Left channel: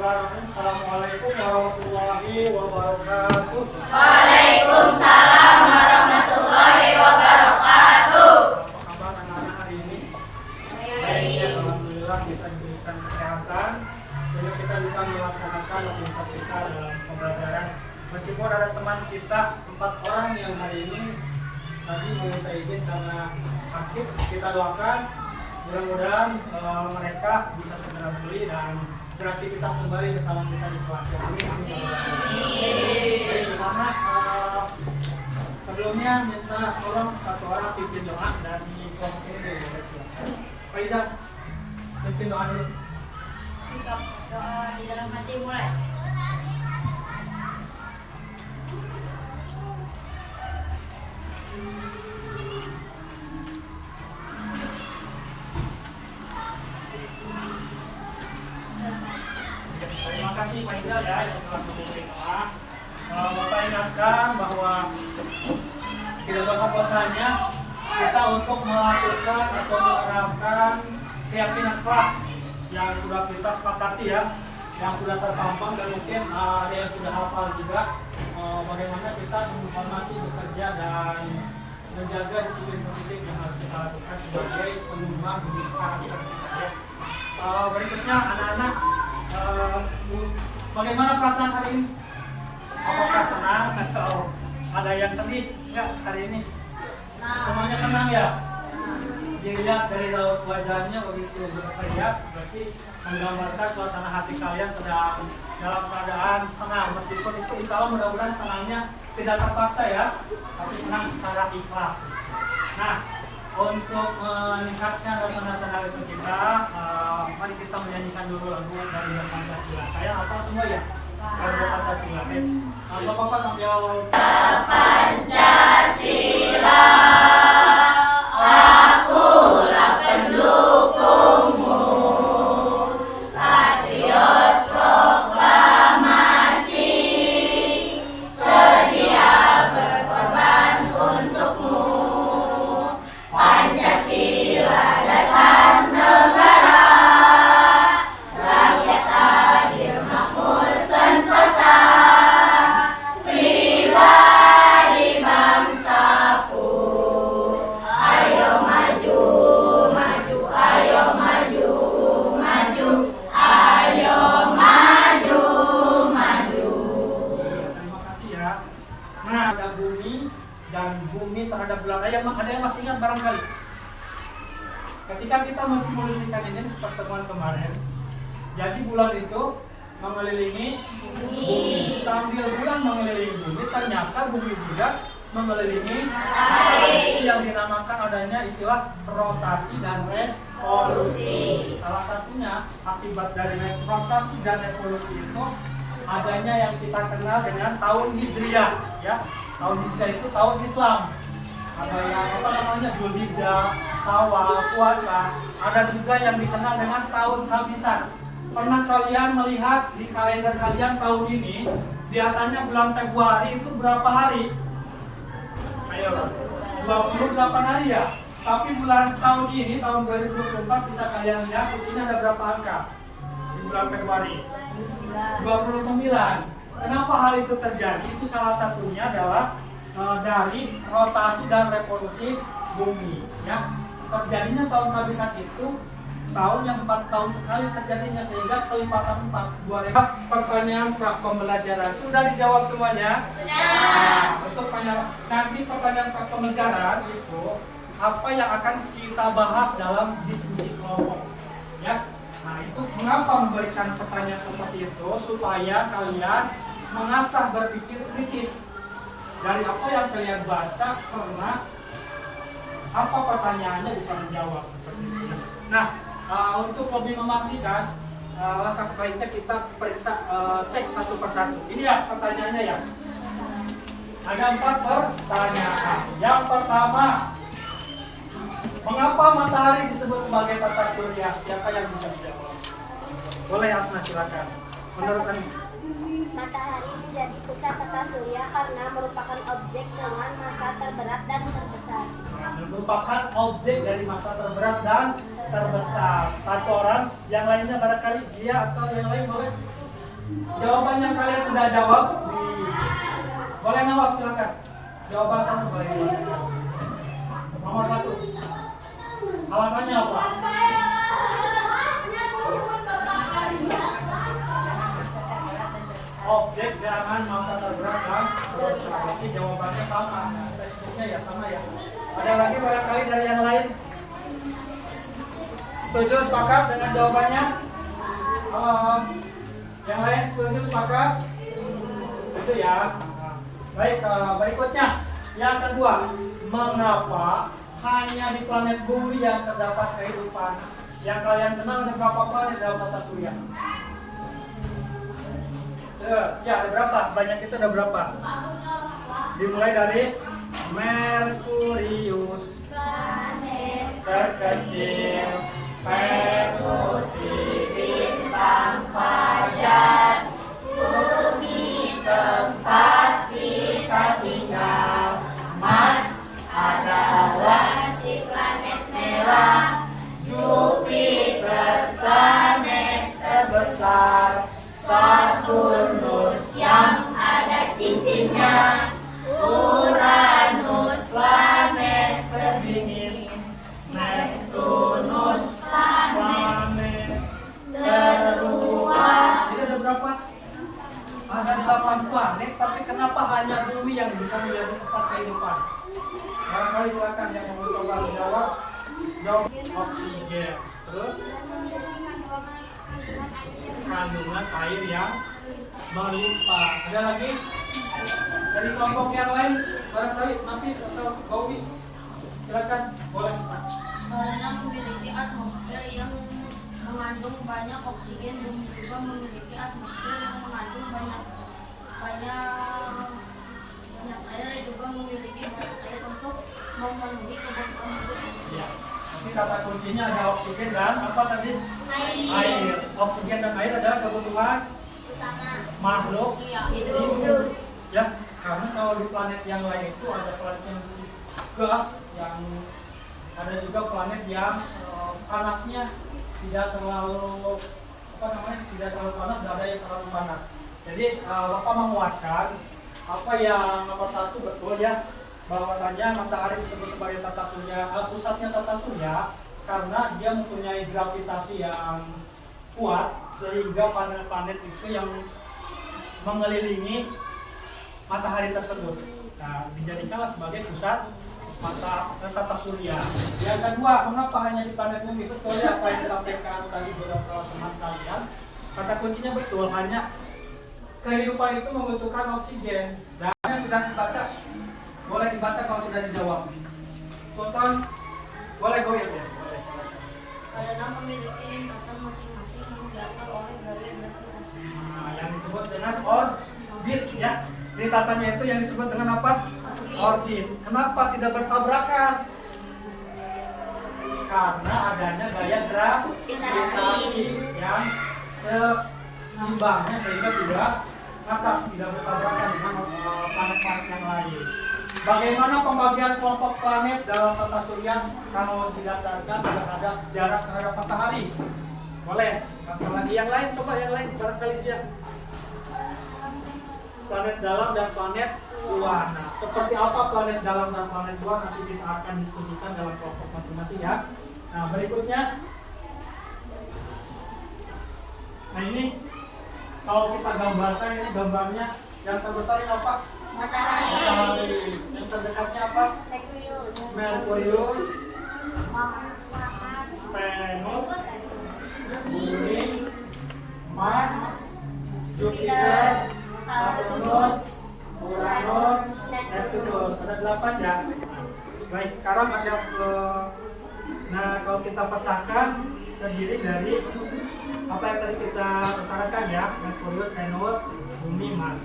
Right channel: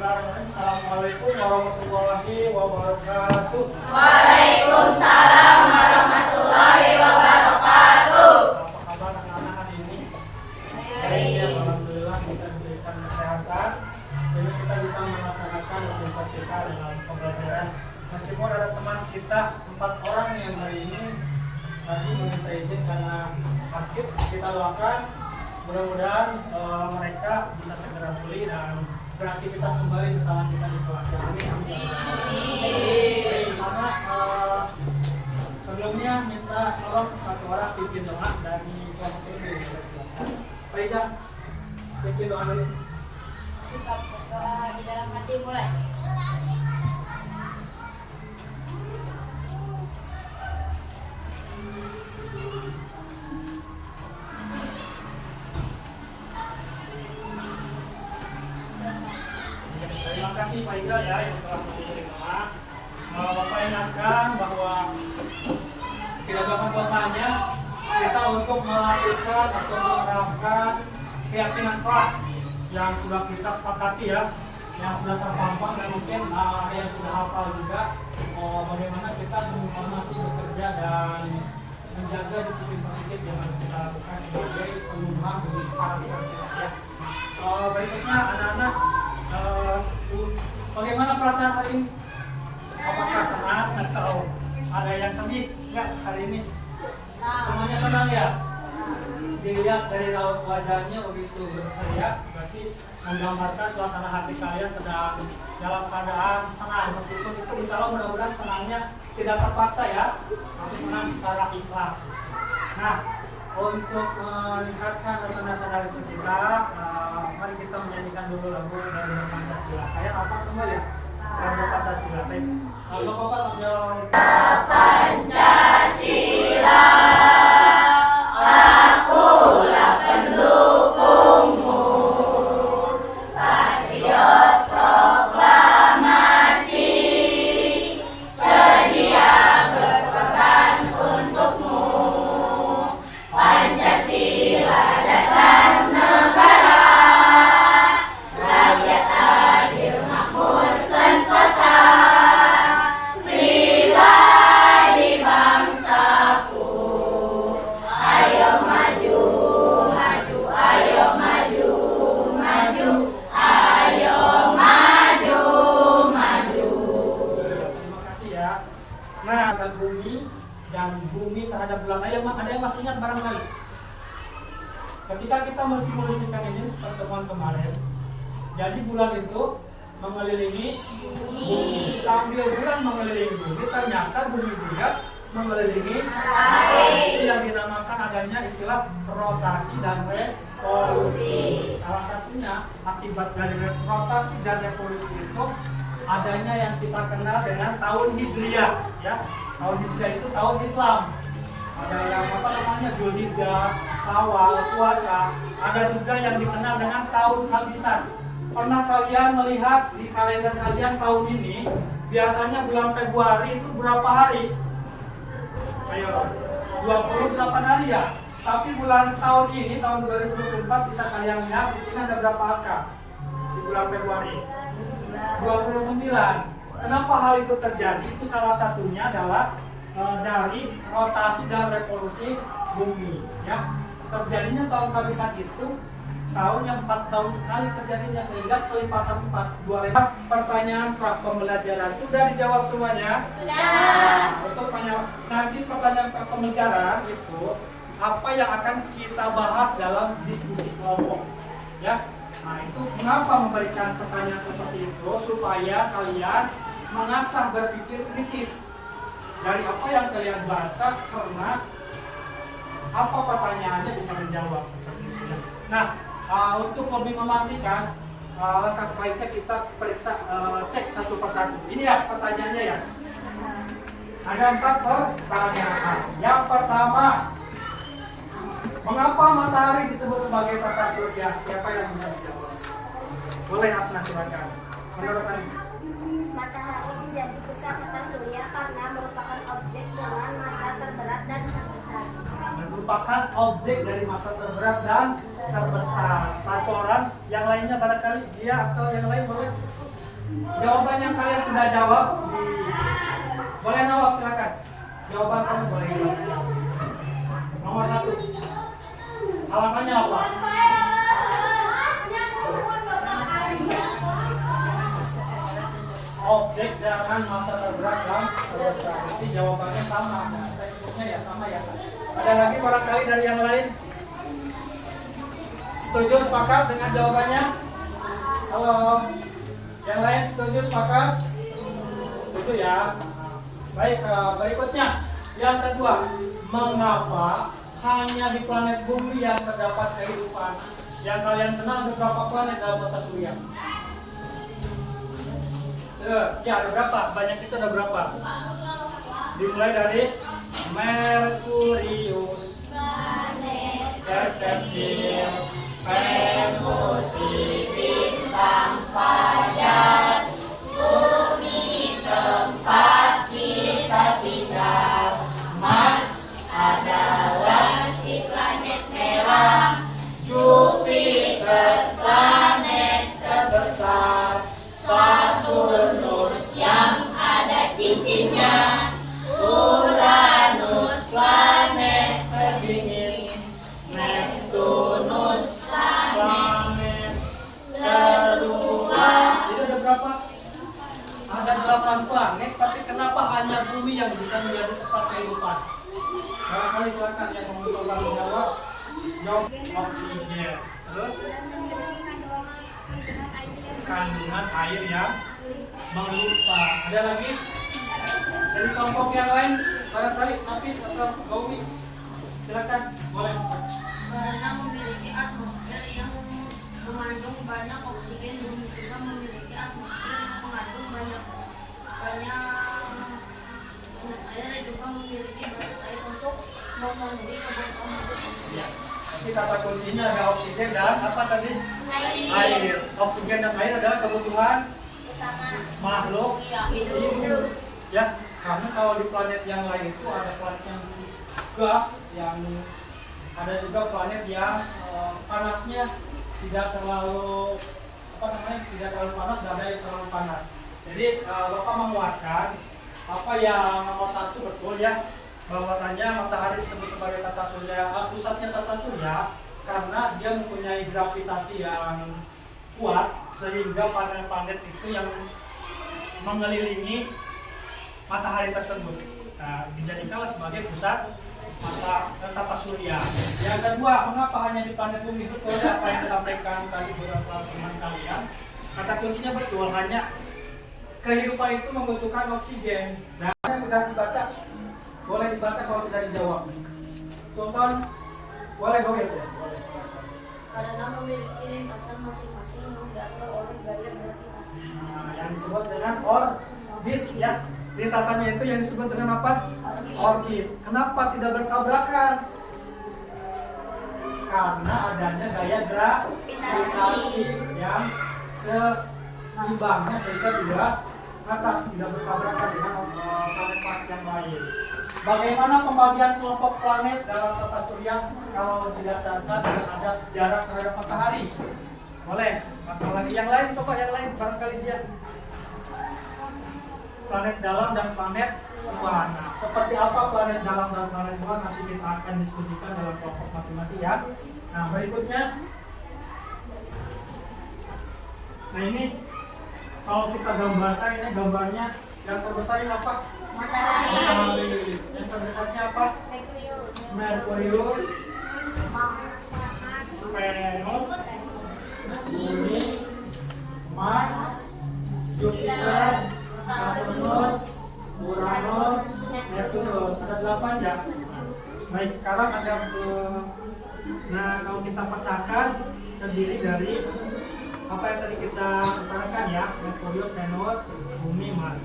Bismillahirrahmanirrahim. Assalamualaikum warahmatullahi wabarakatuh. Waalaikumsalam warahmatullahi wabarakatuh. Apa kabar anak-anak hari ini? Baik. Alhamdulillah kita diberikan kesehatan, jadi kita bisa melaksanakan aktivitas kita dalam pembelajaran. Meskipun ada teman kita 4 orang yang hari ini tadi meminta izin karena sakit, kita doakan mudah-mudahan mereka bisa segera pulih dan beraktivitas kembali bersama kita di kelas ini. Baik, karena sebelumnya minta tolong satu orang pimpin doa dari kelompok ini dulu. Faiza, pimpin doa dulu. Sikap doa di dalam hati mulai. Terima kasih Faiza ya yang telah menjadi doa. Bapak ingatkan bahwa tidak bosan-bosannya kita untuk melakukan atau menerapkan keyakinan kelas yang sudah kita sepakati ya, yang sudah terpampang dan mungkin ada yang sudah hafal juga, bagaimana kita menghormati bekerja dan menjaga disiplin positif yang harus kita lakukan sebagai penyumbang bagi karakter kita ya. Berikutnya anak-anak, bagaimana perasaan hari ini? Apakah senang atau ada yang sedih? Enggak hari ini? Semuanya senang ya? Dilihat dari raut wajahnya begitu berceria, berarti menggambarkan suasana hati kalian sedang dalam keadaan senang. Meskipun itu insya Allah mudah-mudahan senangnya tidak terpaksa ya, tapi senang secara ikhlas. Nah, untuk meningkatkan suasana hati kita, mari kita menyanyikan dulu lagu dari Pancasila. Kayak apa semua ya? Lagu Pancasila. Bapak-bapak sambil Pancasila, akulah pendukungmu, patriot proklamasi, sedia berkorban untukmu. Pancasila dasar negara, rakyat adil makmur sentosa, pribadi bangsaku. Ayo maju, maju, ayo maju, maju, ayo maju, maju. terima kasih ya. Nah, ada bumi dan bumi terhadap bulan. Ada yang masih ingat barangkali? Ketika kita mensimulasikan ini pertemuan kemarin, jadi bulan itu mengelilingi bumi. Sambil bulan mengelilingi bumi, ternyata bumi juga mengelilingi matahari, yang dinamakan adanya istilah rotasi dan revolusi. Salah satunya akibat dari rotasi dan revolusi itu adanya yang kita kenal dengan tahun Hijriah ya. Tahun Hijriah itu tahun Islam. Ada yang Zulhijjah, Syawal, puasa. Ada juga yang dikenal dengan tahun Habisan. Pernah kalian melihat di kalender kalian tahun ini biasanya bulan Februari itu berapa hari? Ayo, 28 hari ya. Tapi bulan tahun ini tahun 2024 bisa kalian lihat di sini ada berapa angka? Di bulan Februari 29. Kenapa hal itu terjadi? Itu salah satunya adalah dari rotasi dan revolusi bumi ya. Terjadinya tahun kehabisan itu tahun yang 4 tahun sekali terjadinya, sehingga kelipatan 4 pertanyaan pra pembelajaran sudah dijawab semuanya? Sudah. Untuk nanti pertanyaan pra pembelajaran itu apa yang akan kita bahas dalam diskusi kelompok ya. Nah, itu mengapa memberikan pertanyaan seperti itu, supaya kalian mengasah berpikir kritis dari apa yang kalian baca, karena apa pertanyaannya bisa menjawab seperti itu. Nah, untuk lebih memastikan, langkah baiknya kita periksa, cek satu persatu. Ini ya pertanyaannya ya. Ada 4 pertanyaan. Yang pertama, mengapa matahari disebut sebagai tata surya? Siapa yang bisa menjawab? Boleh Asna, silakan. Menurut Anda? Matahari menjadi pusat tata surya karena merupakan objek dengan massa terberat dan terbesar. Merupakan objek dari massa terberat dan terbesar. Satu orang, yang lainnya barangkali dia atau yang lain boleh. Jawaban yang kalian sudah jawab boleh nawab, silakan. Jawaban kamu boleh. Nomor 1. Alasannya apa? Objek dengan masa terberat dan terbesar. Berarti jawabannya sama. Nah, textbooknya ya sama ya. Ada lagi barangkali dari yang lain? Setuju, sepakat dengan jawabannya? Halo. Yang lain setuju, sepakat? Itu ya. Nah, baik, berikutnya. Yang kedua, mengapa hanya di planet bumi yang terdapat kehidupan? Yang kalian kenal ada berapa planet dalam tata surya? Ya, ada berapa? Banyak itu ada berapa? Dimulai dari Merkurius, terkecil, Venusi, bintang fajar, bumi tempat kita tinggal, Mars adalah si planet merah, Jupiter planet terbesar, Saturnus yang ada cincinnya, Uranus planet terdingin, Neptunus planet terluar. Jadi ada berapa? Ada 8 planet, tapi kenapa hanya bumi yang bisa menjadi tempat kehidupan? Barangkali silakan yang mau coba menjawab. Jawab oksigen. Terus kandungan air yang melimpah. Ada lagi dari kelompok yang lain, barangkali Nafis atau Gaudi, silakan, boleh. Karena memiliki atmosfer yang mengandung banyak oksigen, bumi juga memiliki atmosfer yang mengandung banyak air, juga memiliki banyak air untuk memenuhi kebutuhan manusia. Ini kata kuncinya ada oksigen dan apa tadi? Air. Oksigen dan air adalah kebutuhan makhluk hidup. Ya, karena kalau di planet yang lain itu ada planet yang khusus gas, yang ada juga planet yang panasnya tidak terlalu tidak terlalu panas, tidak ada yang terlalu panas. Jadi Bapak menguatkan apa yang nomor 1 betul ya, bahwasanya matahari disebut sebagai tata surya, pusatnya tata surya karena dia mempunyai gravitasi yang kuat sehingga planet-planet itu yang mengelilingi matahari tersebut. Nah, dijadikanlah sebagai pusat tata surya. Yang kedua, mengapa hanya di planet bumi? Betul apa yang disampaikan tadi beberapa teman kalian. Kata kuncinya betul, hanya kehidupan itu membutuhkan oksigen. Dan sudah dibaca, boleh dibaca kalau sudah dijawab. Sultan, boleh goyet ya? Karena memiliki lintasan masing-masing yang diatur oleh gaya gravitasi. Nah, yang disebut dengan orbit ya. Lintasannya itu yang disebut dengan apa? Orbit. Kenapa tidak bertabrakan? Karena adanya gaya gravitasi yang seimbangnya sehingga tidak bertabrakan dengan planet-planet yang lain. Bagaimana pembagian kelompok planet dalam tata surya kalau didasarkan tidak ada jarak terhadap matahari? Boleh. Pasal lagi yang lain, coba yang lain barangkali dia. Planet dalam dan planet luar. Nah, seperti apa planet dalam dan planet luar nanti kita akan diskusikan dalam kelompok masing-masing ya. Nah, berikutnya. Nah, ini kalau kita gambarkan, ini gambarnya yang terbesar ini apa? Matahari. Yang terdekatnya apa? Merkurius, Venus, Bumi, Mars, Jupiter, Saturnus, Uranus, Neptunus. Ada 8 ya. Baik, sekarang ada nah kalau kita pecahkan terdiri dari apa yang tadi kita utarakan ya, Merkurius, Venus, Bumi, Mars.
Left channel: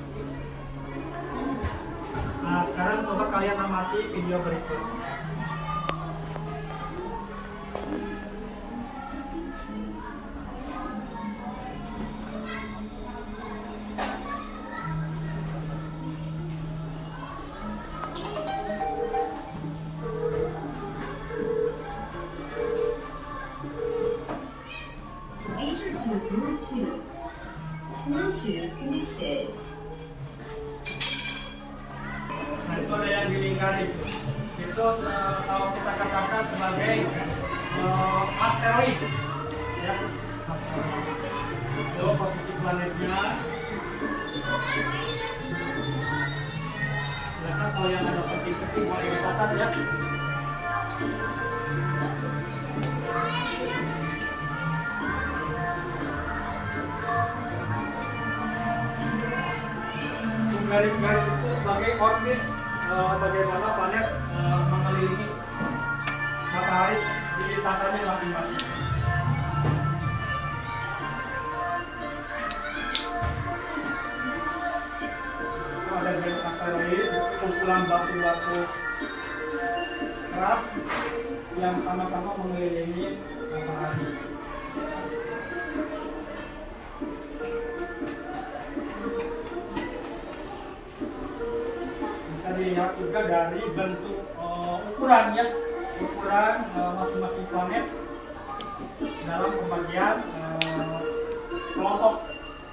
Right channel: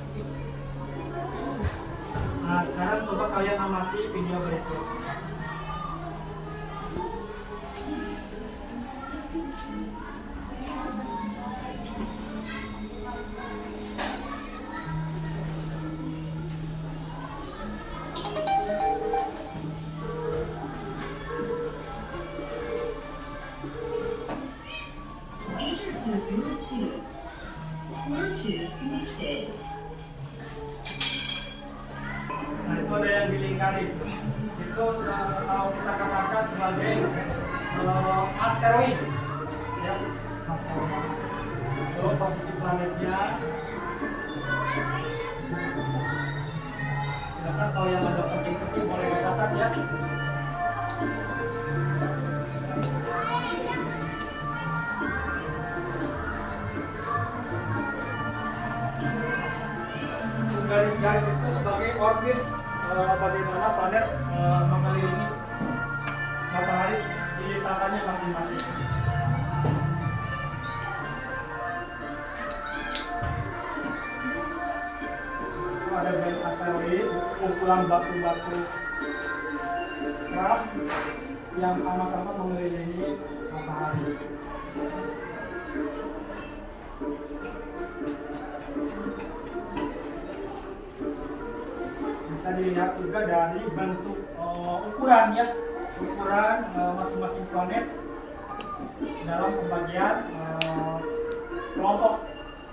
Nah, sekarang coba kalian amati video berikut. connected. Nah itu ada yang dilingkari. Itu kalau kita katakan sebagai asteroid. Ya. Itu posisi planetnya. Silakan kalau yang ada penting-penting boleh dicatat ya. Garis-garis itu sebagai orbit bagaimana planet mengelilingi matahari di lintasannya masing-masing. Ada garis asteroid, kumpulan batu-batu keras yang sama-sama mengelilingi matahari. Bisa dilihat juga dari bentuk ukuran ya, ukuran masing-masing planet dalam pembagian kelompok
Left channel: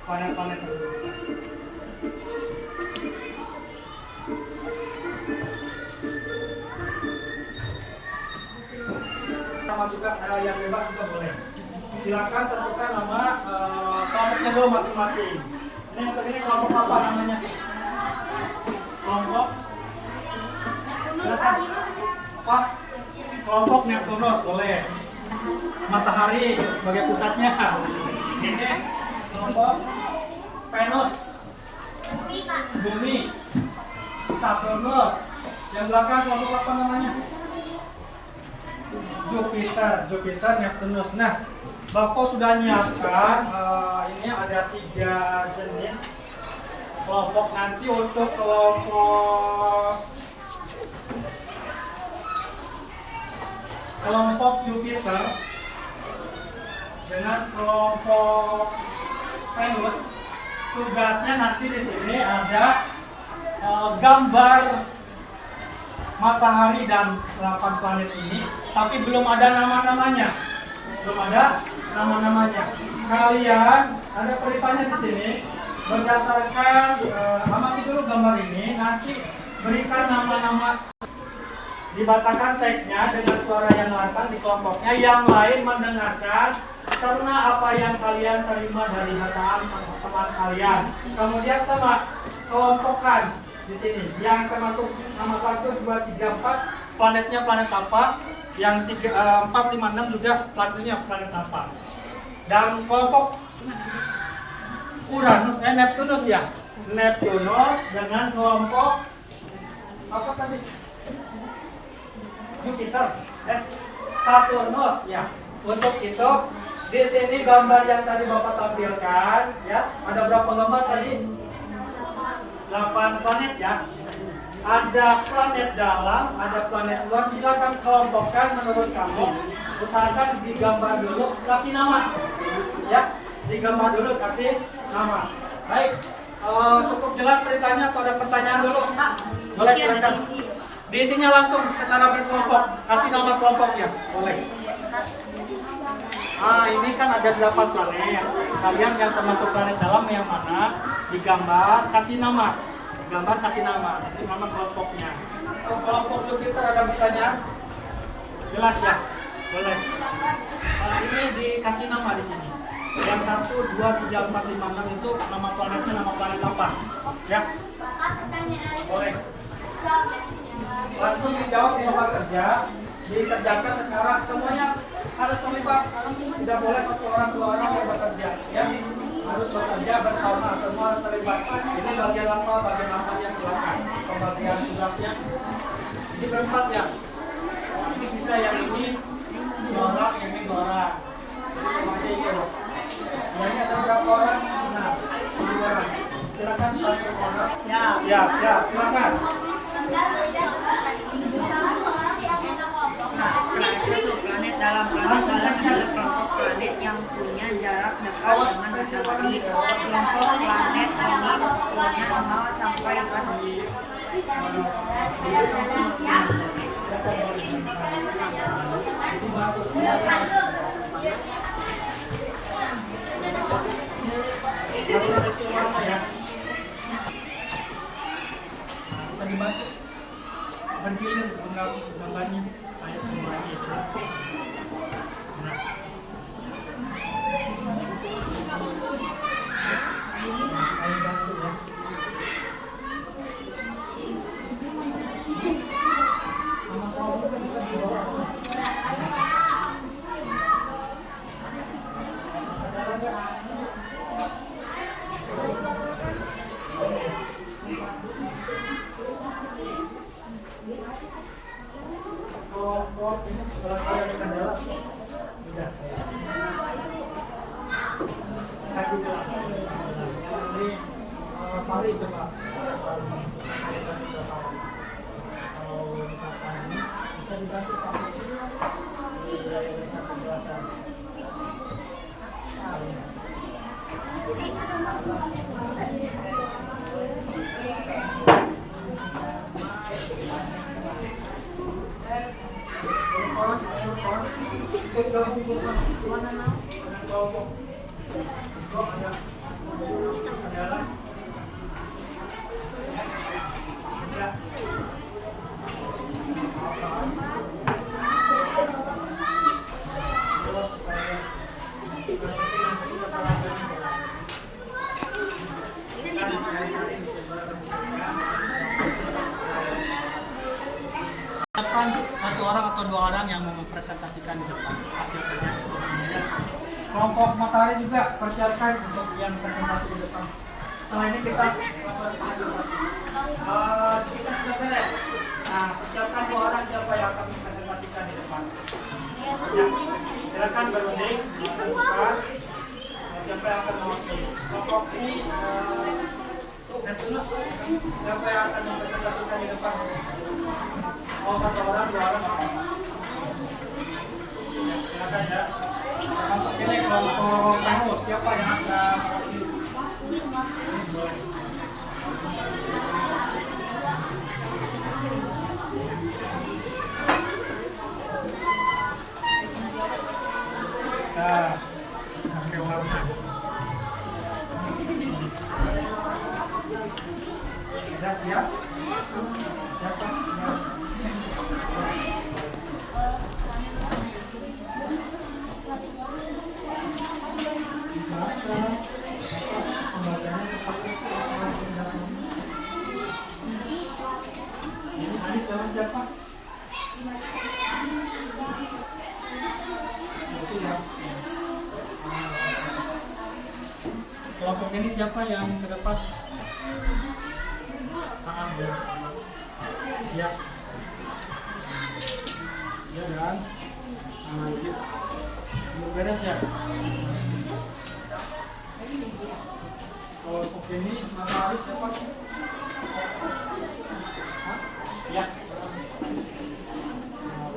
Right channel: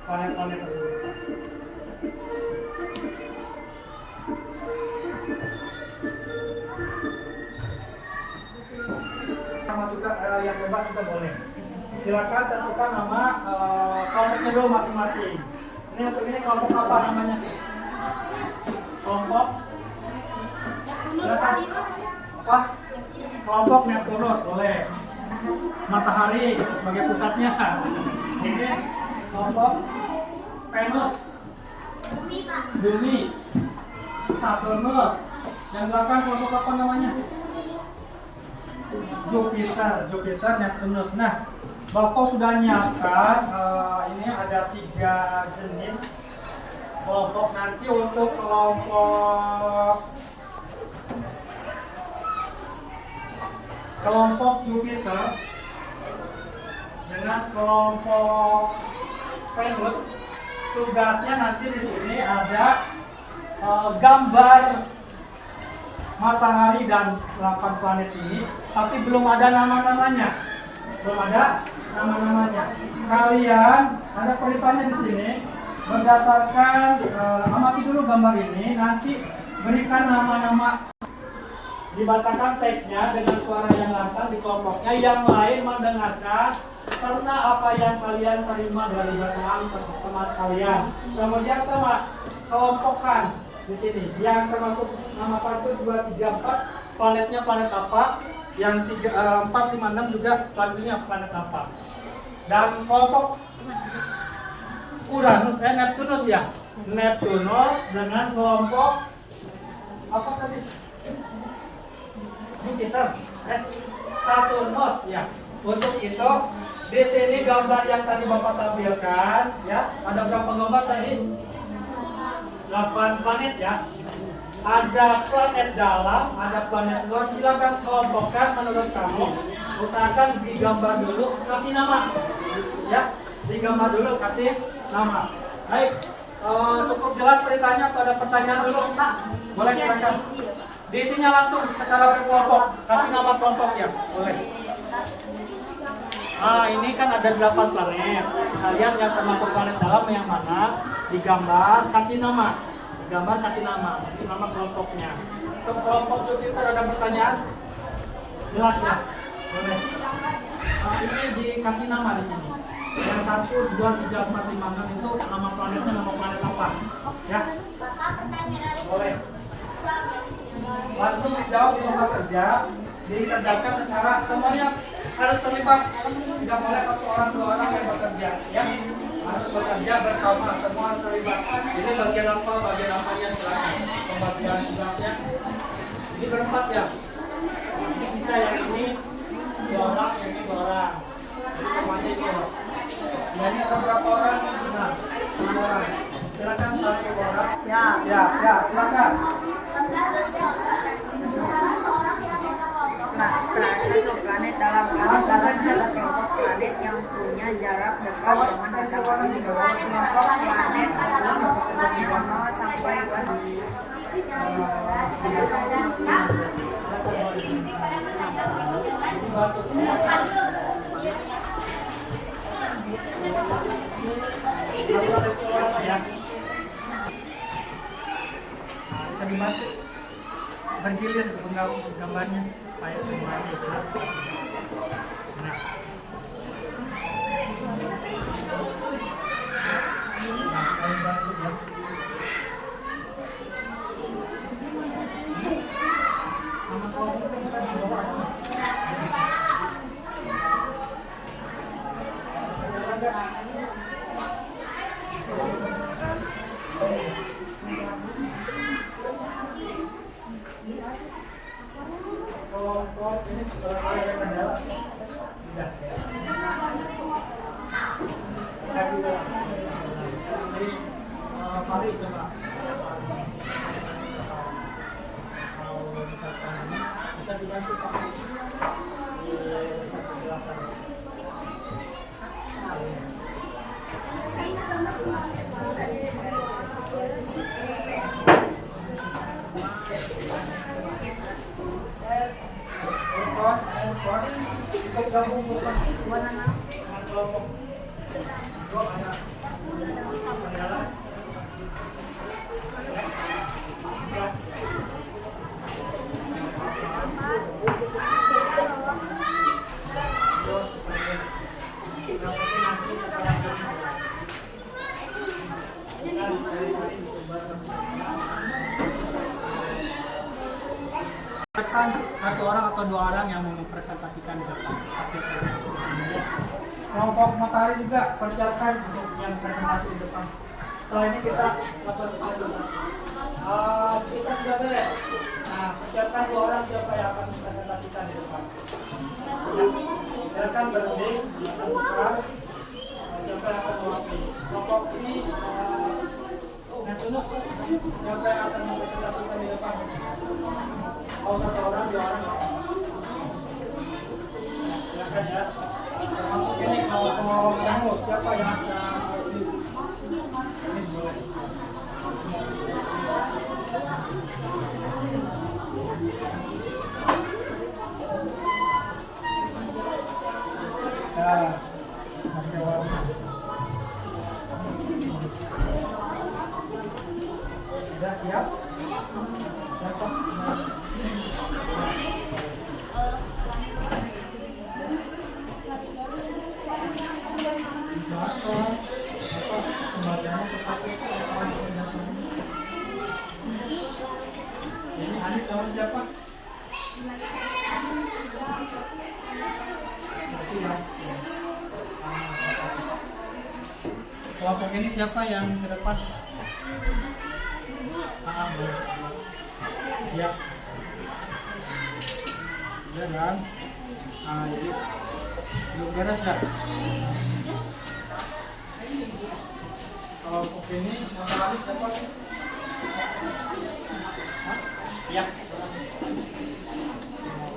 planet-planet tersebut. Nama juga yang bebas juga boleh. Silakan tentukan nama kelompoknya dulu masing-masing. Ini kelompok apa namanya? Kelompok apa? Kelompok Neptunus boleh. Matahari sebagai pusatnya. Ini kelompok Venus, Bumi, Saturnus. Yang belakang kelompok apa namanya? Jupiter, Neptunus. Nah, Bapak sudah nyiapkan ini ada 3 jenis kelompok. Nanti untuk kelompok Jupiter dengan kelompok Venus, tugasnya nanti di sini ada gambar matahari dan 8 planet ini, tapi belum ada nama-namanya. Kalian ada perintahnya di sini. Berdasarkan amati dulu gambar ini, nanti berikan nama-nama, dibacakan teksnya dengan suara yang lantang di kelompoknya, yang lain mendengarkan karena apa yang kalian terima dari bacaan teman kalian. Kemudian sama kelompokkan di sini, yang termasuk nama 1, 2, 3, 4 planetnya planet apa, yang 4, 5, 6 juga planetnya planet apa. Dan kelompok Neptunus ya, Neptunus dengan kelompok apa tadi? Jupiter, Saturnus ya. Untuk itu di sini gambar yang tadi Bapak tampilkan ya, ada berapa gambar tadi? 8 planet ya. Ada planet dalam, ada planet luar. Silakan kelompokkan menurut kamu. Usahakan digambar dulu, kasih nama ya. Digambar dulu, kasih nama. Baik, cukup jelas perintahnya atau ada pertanyaan dulu? Boleh baca. Diisinya langsung secara berkelompok. Kasih nama kelompok ya, boleh. Ini kan ada 8 planet. Kalian yang termasuk planet dalam yang mana? Digambar, kasih nama. Digambar, kasih nama. Ini nama kelompoknya. Untuk kelompok Jupiter ada pertanyaan? Jelas ya? Boleh. Ini dikasih nama di sini. Yang 1, 2, 3, 4, 5, 6 itu nama planetnya nama planet apa? Ya? Boleh. Langsung dijawab di tempat kerja, dikerjakan secara semuanya harus terlibat. Tidak boleh 1 orang 2 orang yang bekerja, ya harus bekerja bersama, semua harus terlibat. Ini bagian apanya silakan. Pembagian tugasnya ini berempat ya. Ini bisa yang ini 2 orang, ini 2 orang. Semuanya itu. Ini ada berapa orang? Nah, 2 orang. Silakan 1 orang. Ya, silakan. Nah, untuk planet dalam adalah kelompok planet yang punya jarak dekat dengan matahari. Kelompok planet ini punya 0 sampai 1. diprofilir gambarnya supaya semuanya itu. Nah, saya bantu ya. Nama kamu bisa dibawa. Kelompok ini ada kendala. Tidak. Kasih mari coba. Kalau misalkan bisa diganti Pak. Di penjelasan. Siapkan satu orang atau dua orang yang mau mempresentasikan di depan hasil kerja semuanya. Kelompok matahari juga persiapkan untuk yang presentasi di depan. Setelah ini kita sudah beres. Nah, persiapkan dua orang siapa yang akan mempresentasikan di depan. Ya, silakan berunding, buka. Siapa yang akan mewakili kelompok ini? Neptunus, siapa yang akan mempresentasikan di depan? Mau satu orang, dua orang nggak apa-apa. Ya, silakan ya. Termasuk ini kelompok kamu, siapa yang akan mewakili? Nah, pakai warna. Sudah siap? Siapa? Jelaskan pembagiannya seperti apa? Ini Anis lawan siapa? Kelompok ini siapa yang ke depan? Boleh. Siap. Ya dan yuk beres ya. Kelompok ini matahari siapa sih? Ya.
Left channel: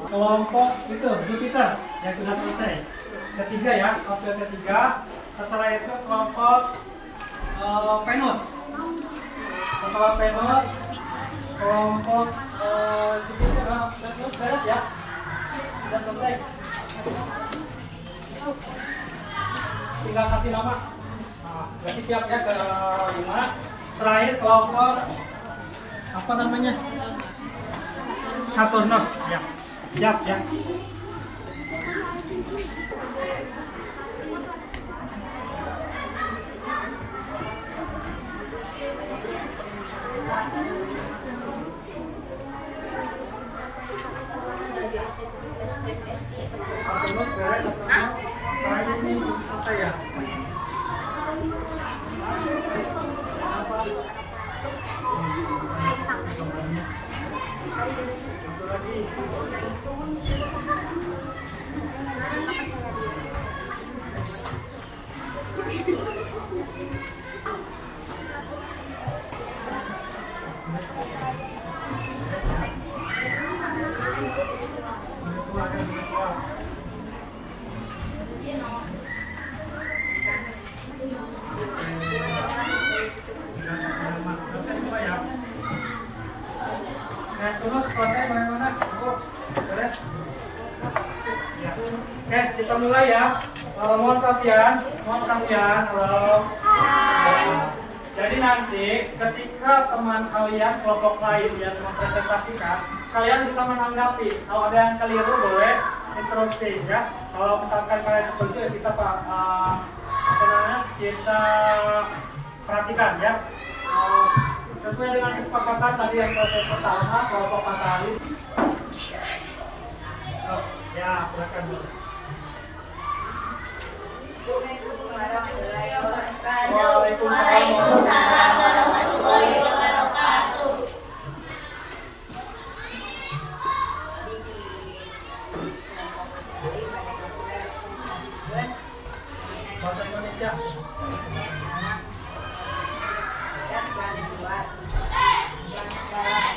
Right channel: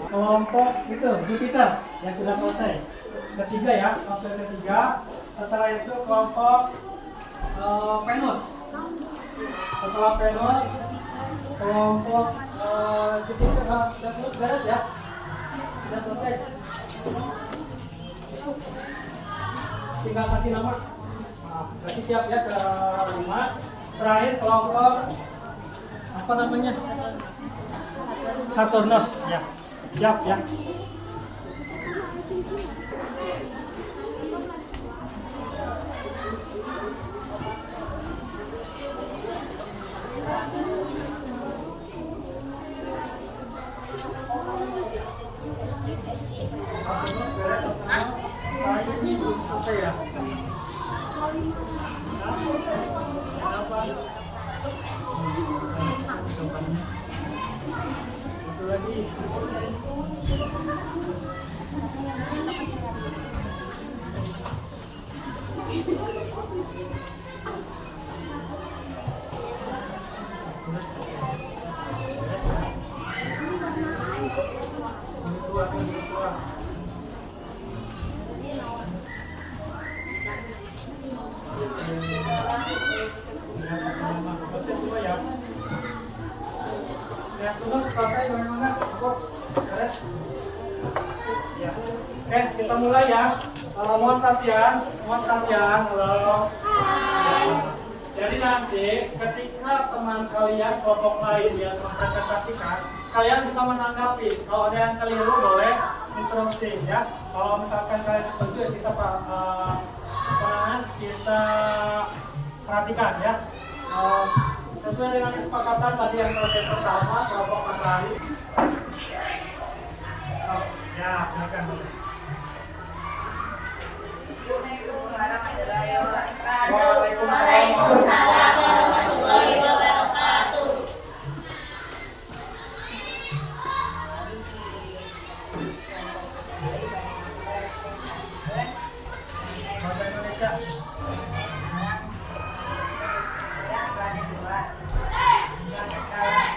Kelompok itu Jupiter yang sudah selesai. Ketiga ya, kelompok ketiga. Setelah itu kelompok Venus. Setelah Venus, kelompok Jupiter beres ya. Sudah selesai. Tinggal kasih nama. Nah, berarti siap ya ke 5. Terakhir kelompok apa namanya? Saturnus ya. Siap ya. Saturnus beres, Saturnus. Terakhir ini belum selesai ya. Satu lagi. Terus selesai bagaimana? Beres? Ya. Oke, kita mulai ya. Mohon perhatian. Halo. Jadi nanti ketika teman kalian kelompok lain yang mempresentasikan, kalian bisa menanggapi. Kalau ada yang keliru boleh interupsi ya. Kalau misalkan kalian setuju ya kita kita perhatikan ya. Sesuai dengan kesepakatan tadi yang selesai pertama kelompok matahari. Ya silakan dulu. Waalaikumsalam warahmatullahi wabarakatuh. Bahasa Indonesia.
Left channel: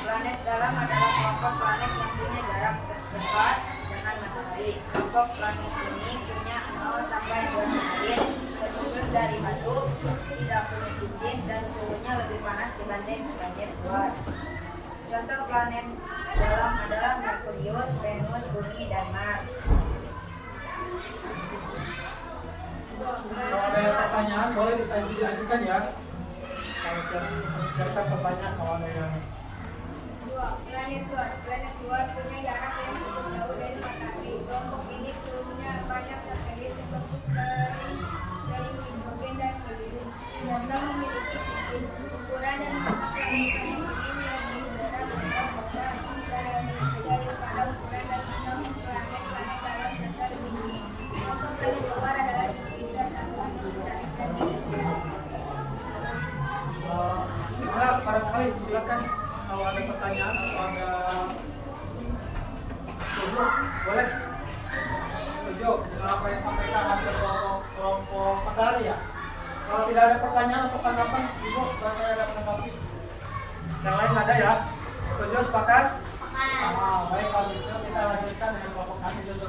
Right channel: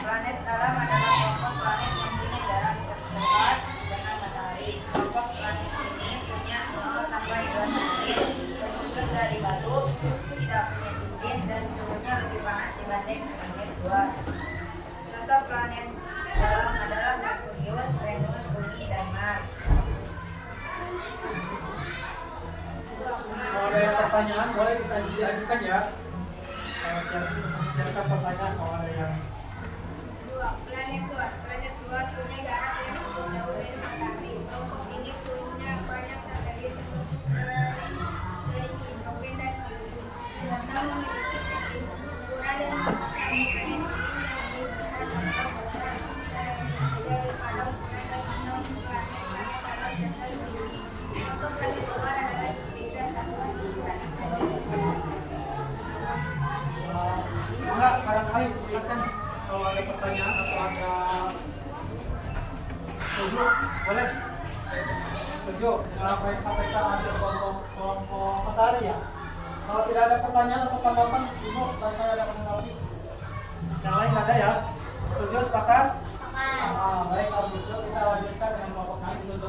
Planet dalam adalah kelompok planet yang punya jarak dekat dengan matahari. Kelompok planet ini punya 0 sampai 2 satelit, tersusun dari batu, tidak punya cincin dan suhunya lebih panas dibanding planet luar. Contoh planet dalam adalah Merkurius, Venus, Bumi, dan Mars. Kalau ada yang pertanyaan boleh bisa diajukan ya. Siapkan pertanyaan kalau ada yang. Planet luar punya jarak yang cukup jauh dari matahari. Kelompok ini punya banyak satelit terbentuk dari hidrogen dan helium, serta memiliki sistem ukuran dan planet ini lebih berat atau besar daripada ukuran dan sistem planet dalam dasar bumi. Contoh planet luar adalah Jupiter, Saturn, dan Enggak, barangkali silakan kalau ada pertanyaan atau ada setuju, boleh. Setuju dengan apa yang disampaikan hasil kelompok matahari ya. Kalau tidak ada pertanyaan atau tanggapan, Ibu barangkali ada menanggapi. Yang lain ada ya. Setuju, sepakat? Baik, kalau gitu kita lanjutkan dengan kelompok kami dulu.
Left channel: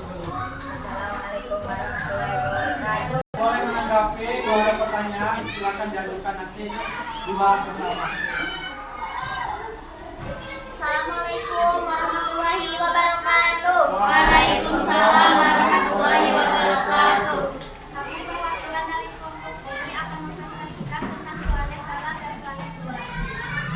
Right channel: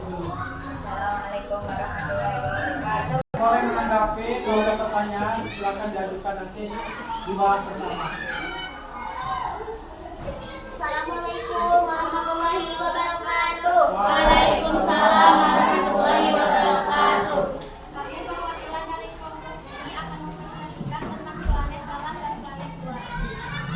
Assalamualaikum warahmatullahi wabarakatuh. Boleh menanggapi, kalau ada pertanyaan silakan diajukan nanti dibahas bersama. Assalamualaikum warahmatullahi wabarakatuh. Waalaikumsalam warahmatullahi wabarakatuh. Kami perwakilan dari kelompok ini akan mempresentasikan tentang planet dalam dan planet luar.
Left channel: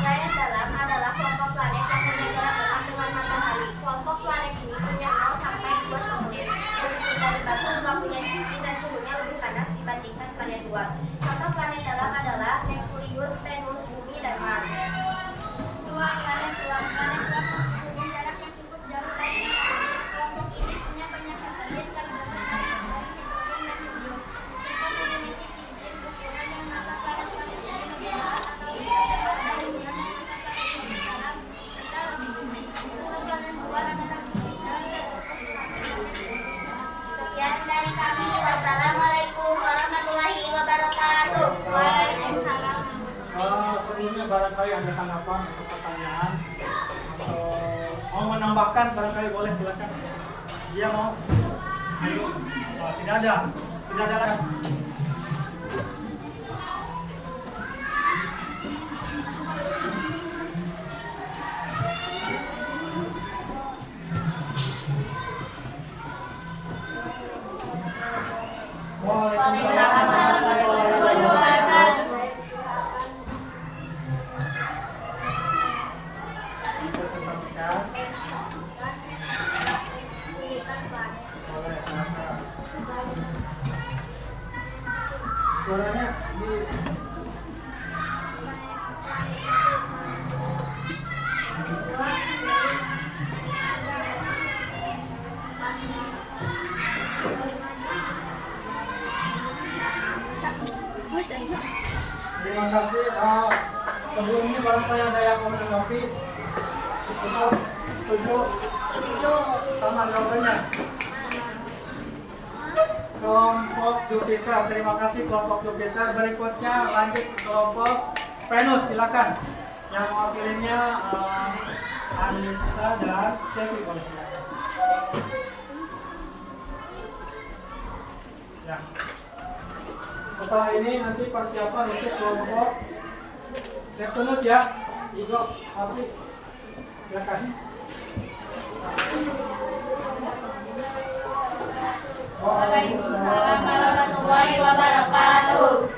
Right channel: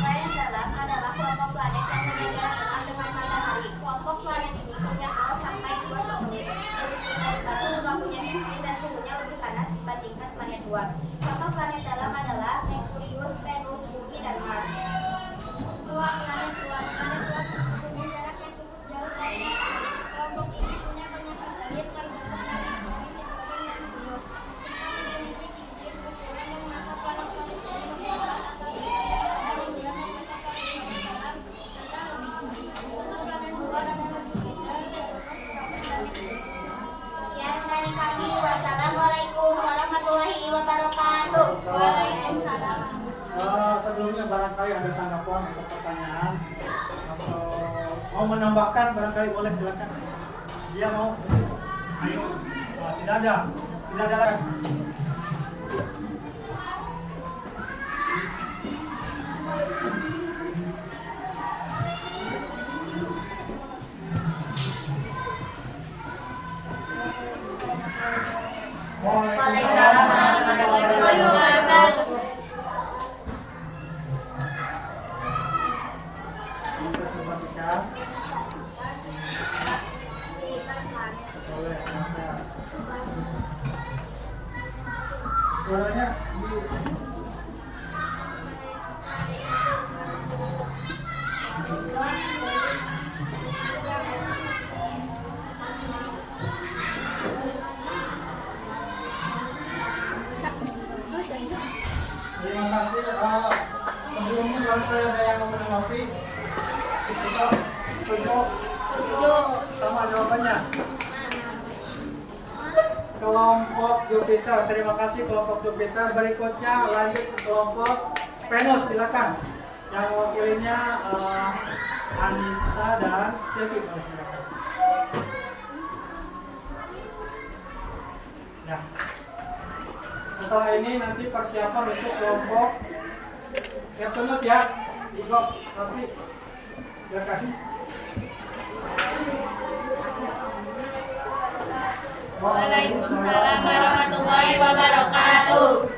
Planet dalam adalah kelompok planet yang punya jarak dekat dengan matahari. Kelompok planet ini punya 0 sampai 2 satelit, tersusun dari batu, nggak punya cincin dan suhunya lebih panas dibandingkan planet luar. Contoh planet dalam adalah Merkurius, Venus, Bumi, dan Mars. Planet luar punya jarak yang cukup jauh dari matahari. Kelompok ini punya banyak satelit terbentuk dari hidrogen dan helium, serta memiliki cincin ukuran dan massa planet-planet yang lebih berat atau besar daripada bulan dan massa planet yang dalam serta lebih tinggi. Untuk planet luar adalah Jupiter, Saturn, dan Venus. Sekian dari kami. Wassalamualaikum warahmatullahi wabarakatuh. Waalaikumsalam. Sebelumnya barangkali ada tanggapan atau pertanyaan atau mau menambahkan barangkali boleh silakan. Dia mau? Ayo. Tidak ada lagi. Waalaikumsalam warahmatullahi wabarakatuh. Suaranya di terima kasih. Sebelumnya barangkali ada yang mau menanggapi. Setuju sama jawabannya. Kelompok Jupiter, terima kasih kelompok Jupiter. Berikutnya lanjut ke kelompok Venus, silakan. Yang mewakilinya Anissa dan Chelsea, silakan. Ya. Setelah ini nanti persiapan untuk kelompok Neptunus ya. Igo, Api, silakan. Waalaikumsalam warahmatullahi wabarakatuh.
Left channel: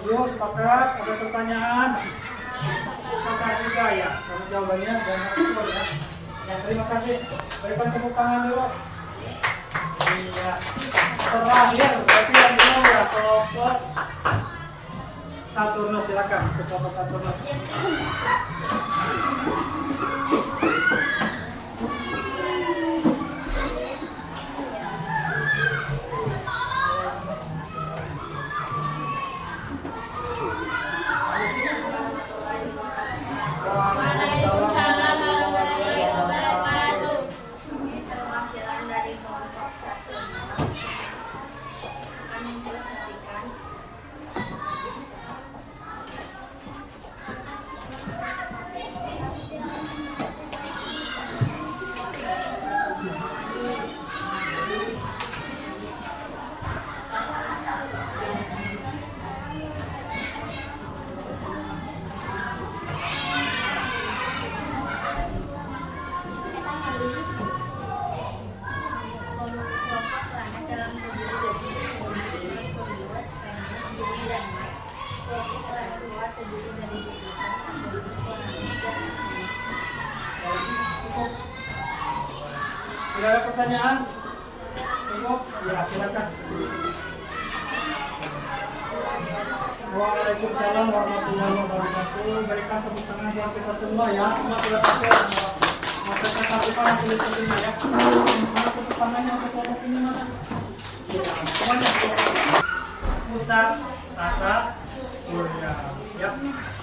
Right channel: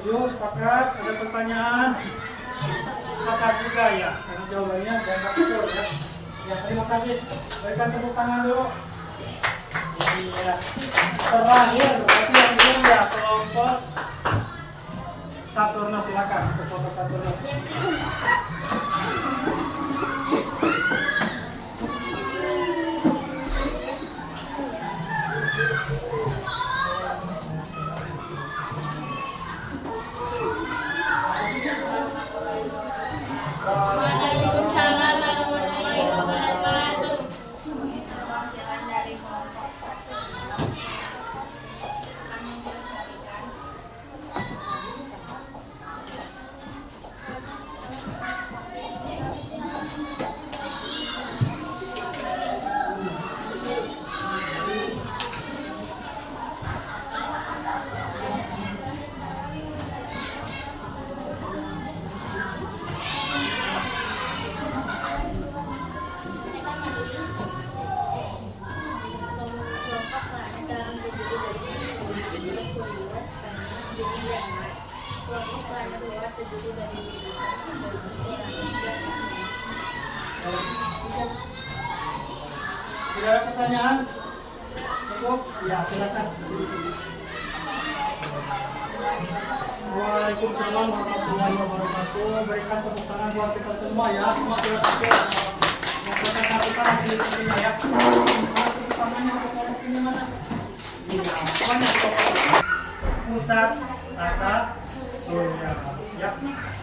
Setuju, sepakat? Ada pertanyaan? Sepakat juga ya. Kalau jawabannya jangan betul ya. Ya, terima kasih. Berikan tepuk tangan dulu. Iya. Terakhir, berarti yang ini ya kelompok Saturnus, silakan untuk kelompok Saturnus. Waalaikumsalam warahmatullahi wabarakatuh. Perwakilan dari kelompok Saturnus akan menjelaskan kelompok planet dalam bumi Merkurius, Venus, Bumi, dan Mars. Kelompok planet luar terdiri dari Jupiter, Saturnus, Uranus, dan Neptunus. Cukup. Tidak ada pertanyaan? Cukup? Ya, silakan. Waalaikumsalam warahmatullahi wabarakatuh. Berikan tepuk tangan buat kita semua ya. Semua tidak pakai. Maka kita lakukan hasil terima ya. Mana tepuk tangannya untuk kelompok ini mana? Iya, semuanya kelompok pusat tata surya. Ya.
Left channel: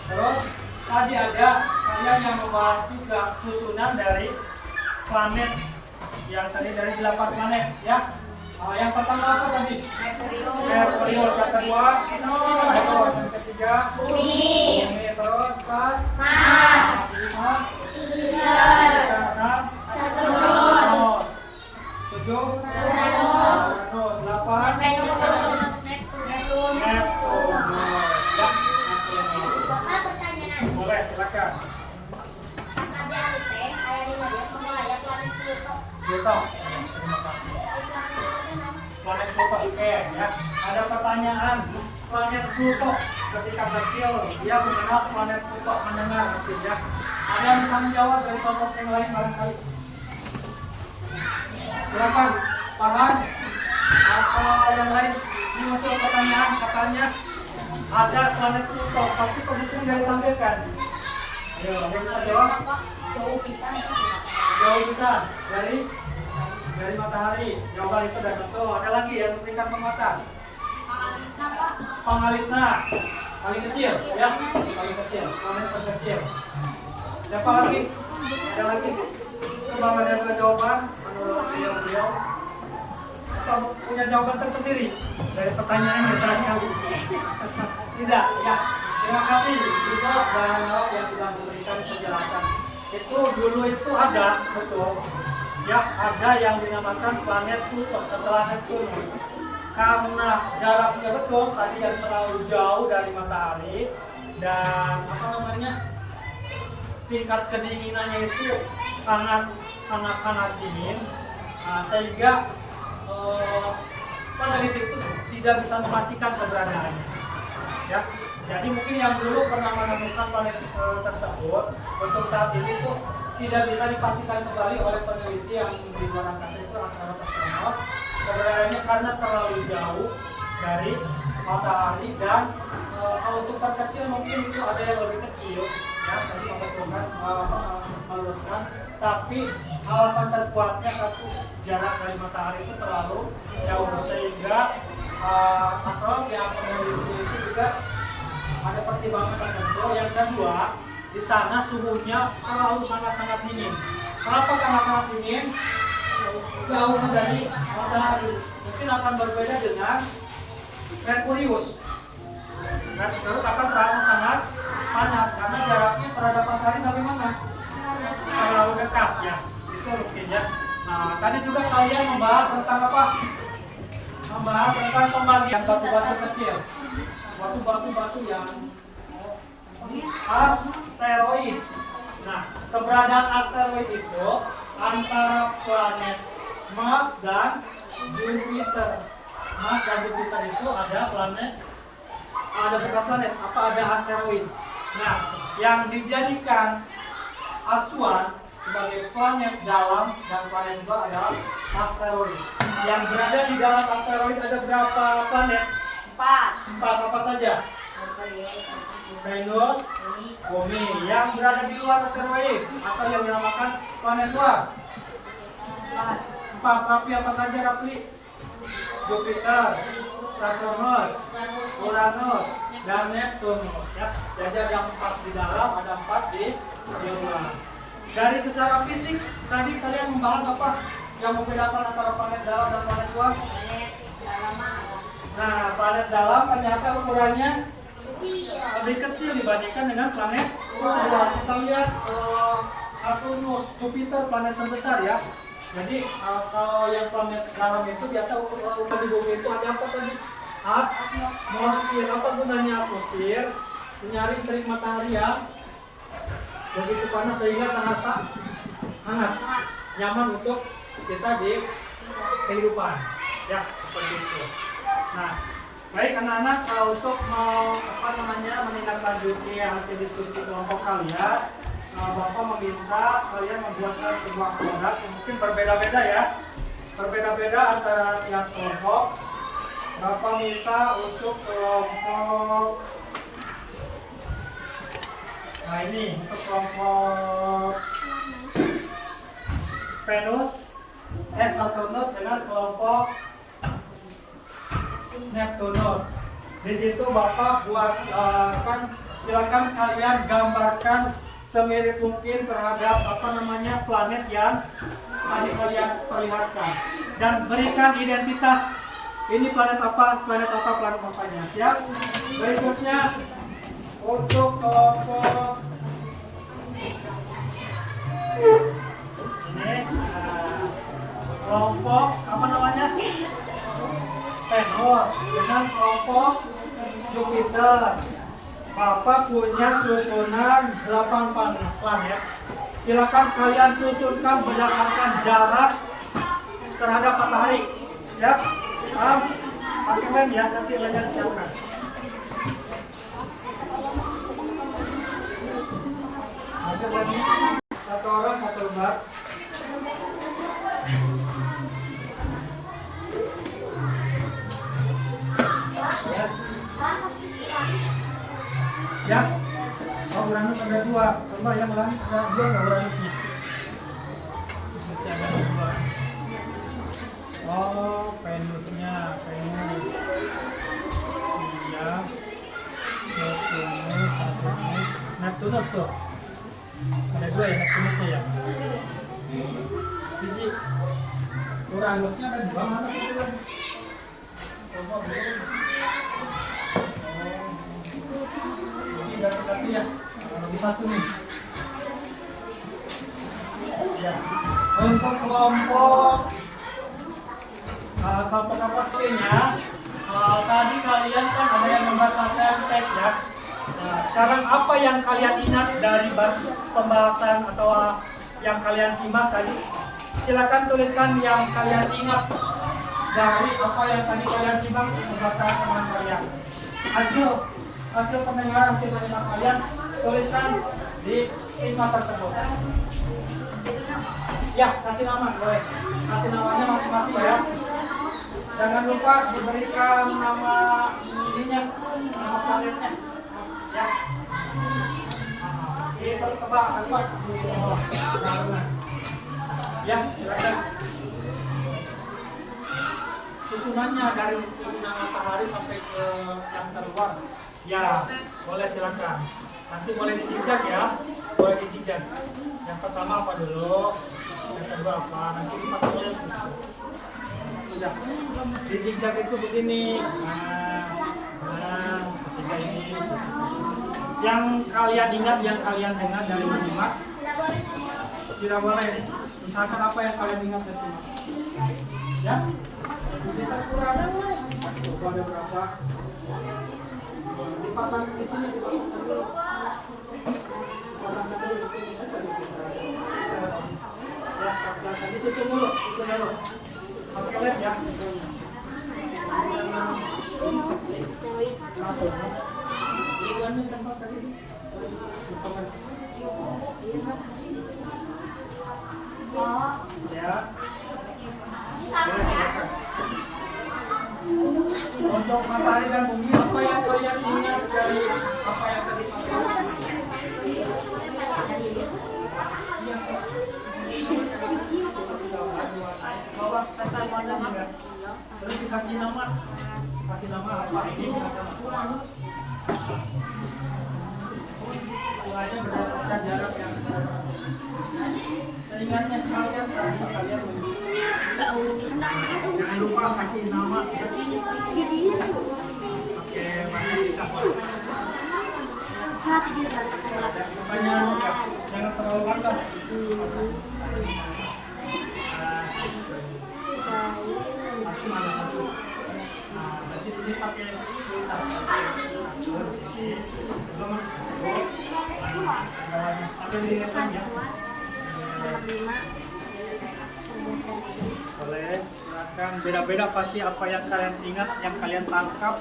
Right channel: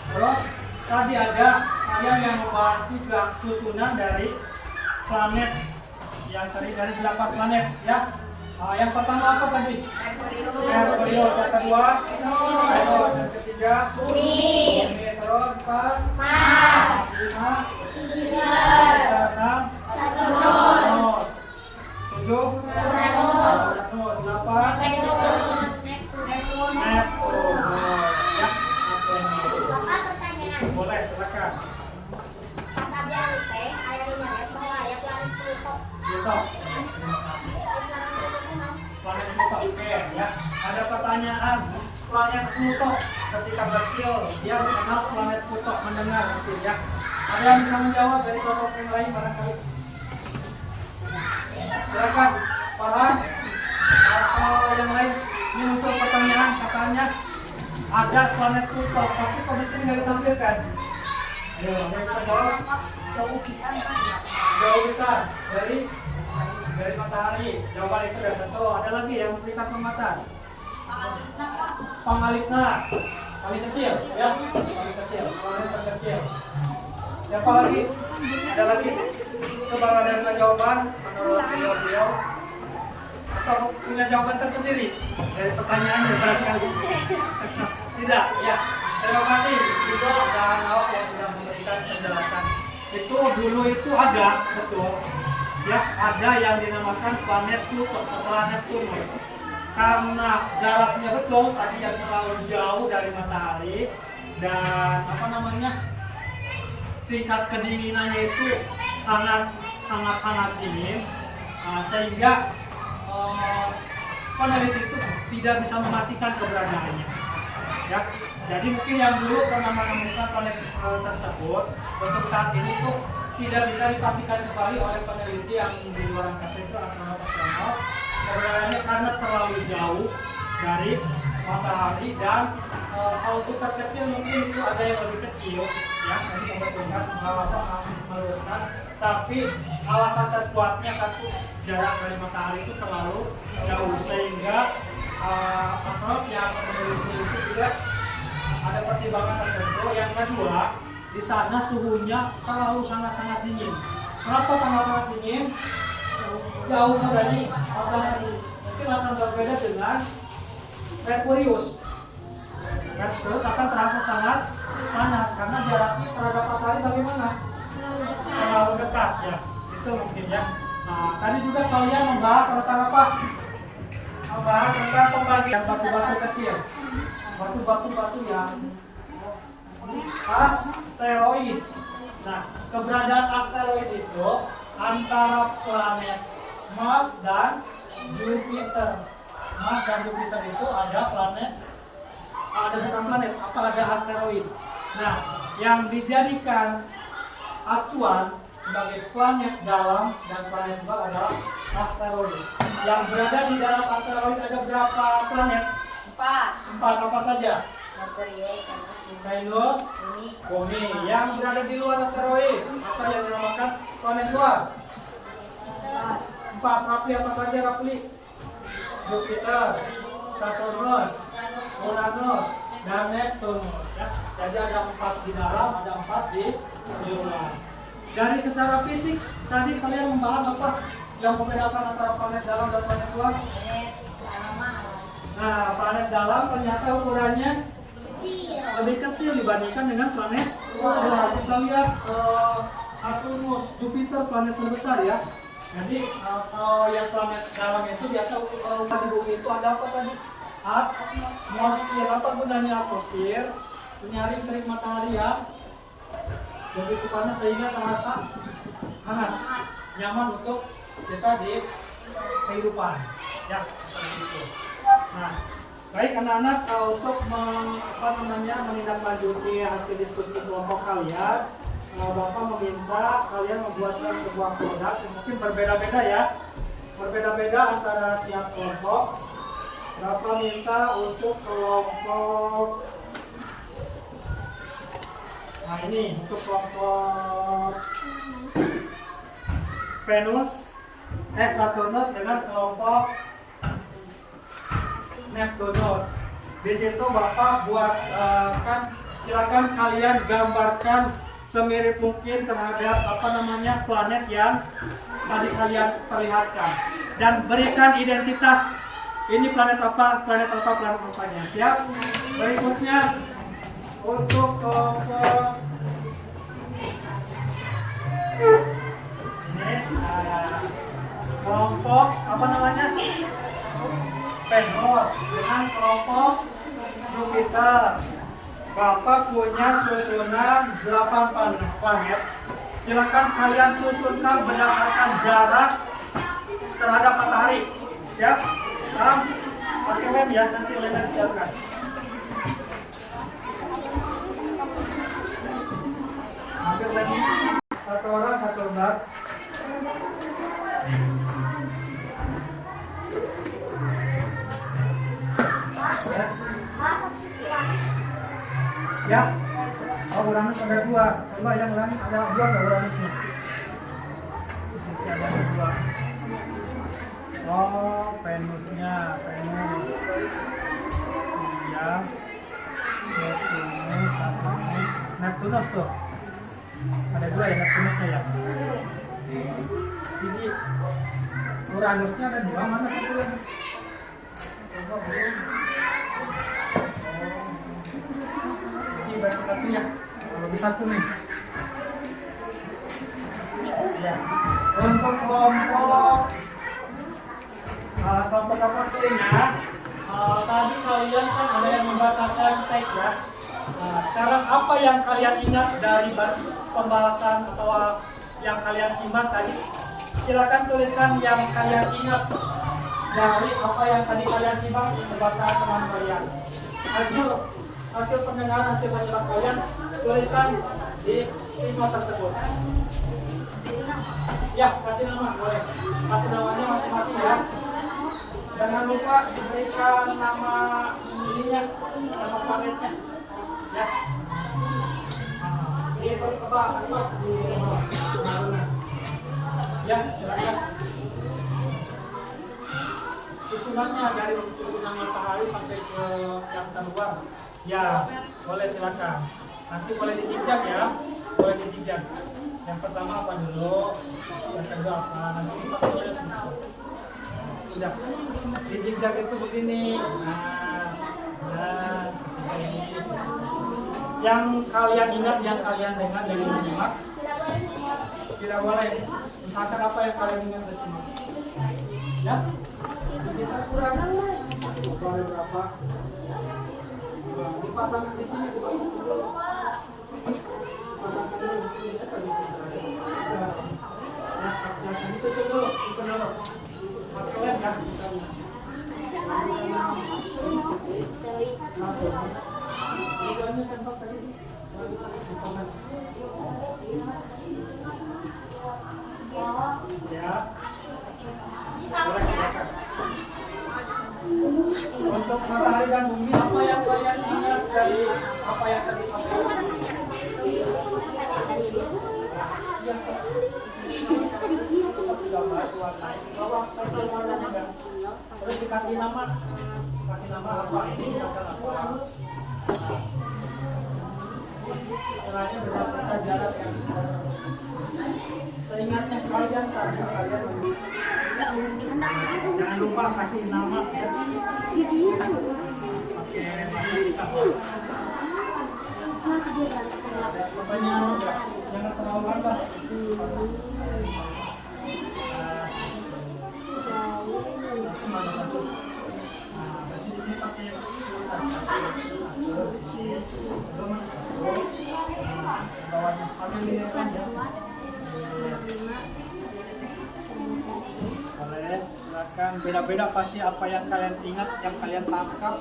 Terus tadi ada kalian yang membahas juga susunan dari planet yang terdiri dari 8 planet ya. Yang pertama apa tadi? Merkurius. Yang kedua? Venus. Yang ketiga? Bumi. Terus 4? Mars. 5? Jupiter. 6? Saturnus. 7? Uranus. 8? Neptunus. Ya. Bapak pertanyaan. Boleh, silakan. Sabi Alipe, ayah dengarnya semua ayat planet Pluto. Pluto. Terima kasih. Planet Pluto no? Planet Pluto, oke ya. Ada pertanyaan, planet Pluto ketika kecil dia mengenal planet Pluto, mendengar itu ya. Ada yang bisa menjawab dari kelompok yang lain barangkali? Silakan, Farhan atau yang lain. Ini muncul pertanyaan, katanya ada planet Pluto, tapi kok di sini nggak ditampilkan? Ayo, ada yang bisa jawab? Jauh bisa. Jauh bisa dari matahari. Jawaban itu ada satu. Ada lagi yang memberikan penguatan. Pangalitna paling kecil ya, paling kecil, paling terkecil. Siapa lagi? Ada lagi? Coba ada jawaban menurut beliau atau punya jawaban tersendiri dari pertanyaannya barangkali? Tidak, ya. Terima kasih Ibu dan Awak yang sudah memberikan penjelasan. Itu dulu itu ada, betul. Ya, ada yang dinamakan planet Pluto setelah Neptunus. Karena jaraknya betul tadi yang terlalu jauh dari matahari dan tingkat kedinginannya itu sangat dingin, sehingga peneliti itu tidak bisa memastikan keberadaannya. Ya, jadi mungkin yang dulu pernah menemukan planet tersebut untuk saat ini tuh tidak bisa dipastikan kembali oleh peneliti yang di luar angkasa itu astronot keberadaannya karena terlalu jauh dari matahari dan kalau untuk terkecil mungkin itu ada yang lebih kecil ya, jadi membetulkan meluruskan, tapi alasan terkuatnya satu, jarak dari matahari itu terlalu jauh sehingga astronot yang meneliti itu juga ada pertimbangan tertentu. Yang kedua, di sana suhunya terlalu sangat dingin. Kenapa sangat dingin? Jauh dari matahari. Mungkin akan berbeda dengan Merkurius. Merkurius akan terasa sangat panas karena jaraknya terhadap matahari bagaimana? Terlalu dekat ya. Itu mungkin ya. Nah, tadi juga kalian membahas tentang apa? Membahas tentang pembagian batu-batu kecil. Batu-batu yang asteroid. Nah, keberadaan asteroid itu antara planet Mars dan Jupiter. Mars dan Jupiter itu ada planet ada bukan planet, apa ada asteroid. Nah, yang dijadikan acuan sebagai planet dalam dan planet luar adalah asteroid. Yang berada di dalam asteroid ada berapa planet? 4. 4, apa saja? Merkurius, Venus, Bumi. Yang berada di luar asteroid atau yang dinamakan planet luar? 4. Rapi apa saja, Rapi? Jupiter, Saturnus, Uranus, dan Neptunus. Ya, jadi ada 4 di dalam, ada 4 di luar. Dari secara fisik tadi kalian membahas apa yang membedakan antara planet dalam dan planet luar? Nah, planet dalam ternyata ukurannya lebih kecil dibandingkan dengan planet luar. Kita lihat Saturnus, Jupiter, planet terbesar ya. Jadi kalau yang planet dalam itu biasa ukuran di bumi itu ada apa tadi? Atmosfer. Apa gunanya atmosfer? Menyaring terik matahari yang begitu panas sehingga terasa hangat, nyaman untuk kita di kehidupan. Ya, seperti itu. Nah, baik anak-anak, untuk menindaklanjuti hasil diskusi kelompok kalian, Bapak meminta kalian membuatkan sebuah produk yang mungkin berbeda-beda ya, berbeda-beda antara tiap kelompok. Bapak minta untuk kelompok, nah ini untuk kelompok Venus, Saturnus dengan kelompok Neptunus. Di situ Bapak silakan kalian gambarkan semirip mungkin terhadap planet yang tadi kalian perlihatkan dan berikan identitas. Ini planet apa, planet apanya. Siap? Berikutnya untuk kelompok ini kelompok Venus dengan kelompok Jupiter. Bapak punya susunan 8 planet. Silakan kalian susunkan berdasarkan jarak terhadap matahari. Siap? Pakai lem ya, nanti lemnya disiapkan. Ambil lem, satu orang satu lembar. Ya. Oh, Uranus ada 2. Coba yang lain ada 2 nggak Uranusnya? Masih ada 2. Oh, Venusnya, Venus. Iya. Neptunus, Saturnus. Neptunus tuh. Ada 2 ya Neptunusnya ya. Biji. Uranusnya ada 2, mana satu lagi? Coba belum. Baru satu ya, lebih satu nih. Ya. Untuk kelompok C-nya, tadi kalian kan ada yang membacakan teks ya. Nah, sekarang apa yang kalian ingat dari pembahasan atau yang kalian simak tadi? Silakan tuliskan yang kalian ingat dari apa yang tadi kalian simak bersama teman kalian. Hasil pendengaran, hasil penyimak kalian tuliskan di stigma tersebut. Ya, kasih nama boleh. Kasih namanya masing-masing ya. Jangan lupa diberikan nama ininya, nama planetnya. Ya. Ini coba di bawah. Ya, silakan. Susunannya dari susunan matahari sampai ke yang terluar. Ya, boleh silakan. Nanti boleh dijejak ya, boleh dijejak. Yang pertama apa dulu, yang kedua apa, nanti dipakai oleh sudah. Dijejak itu begini. Nah, ketika ini yang kalian ingat, yang kalian dengar dari menyimak, tidak boleh. Misalkan apa yang kalian ingat dari sini. Ya, kita kurang. Boleh berapa? Dipasang di sini, dipasangkan dulu. Pasangkan dulu di sini. Ya, silakan disusun dulu, susun dulu. Pakai lem ya. Satu. Ini tempat tadi. Ya. Untuk matahari dan bumi, apa yang kalian ingat dari apa yang tadi? Terus dikasih nama, apa ini? Mulanya berdasarkan jarak yang seingatnya kalian tadi kalian jangan lupa kasih nama ya. Oke, masih dikasih. Ada pertanyaan enggak? Jangan terlalu lambat. Satu mana satu? Nah, berarti di sini pakai bawahnya ambil di depan ya. Boleh, silakan. Beda-beda pasti apa yang kalian ingat, yang kalian tangkap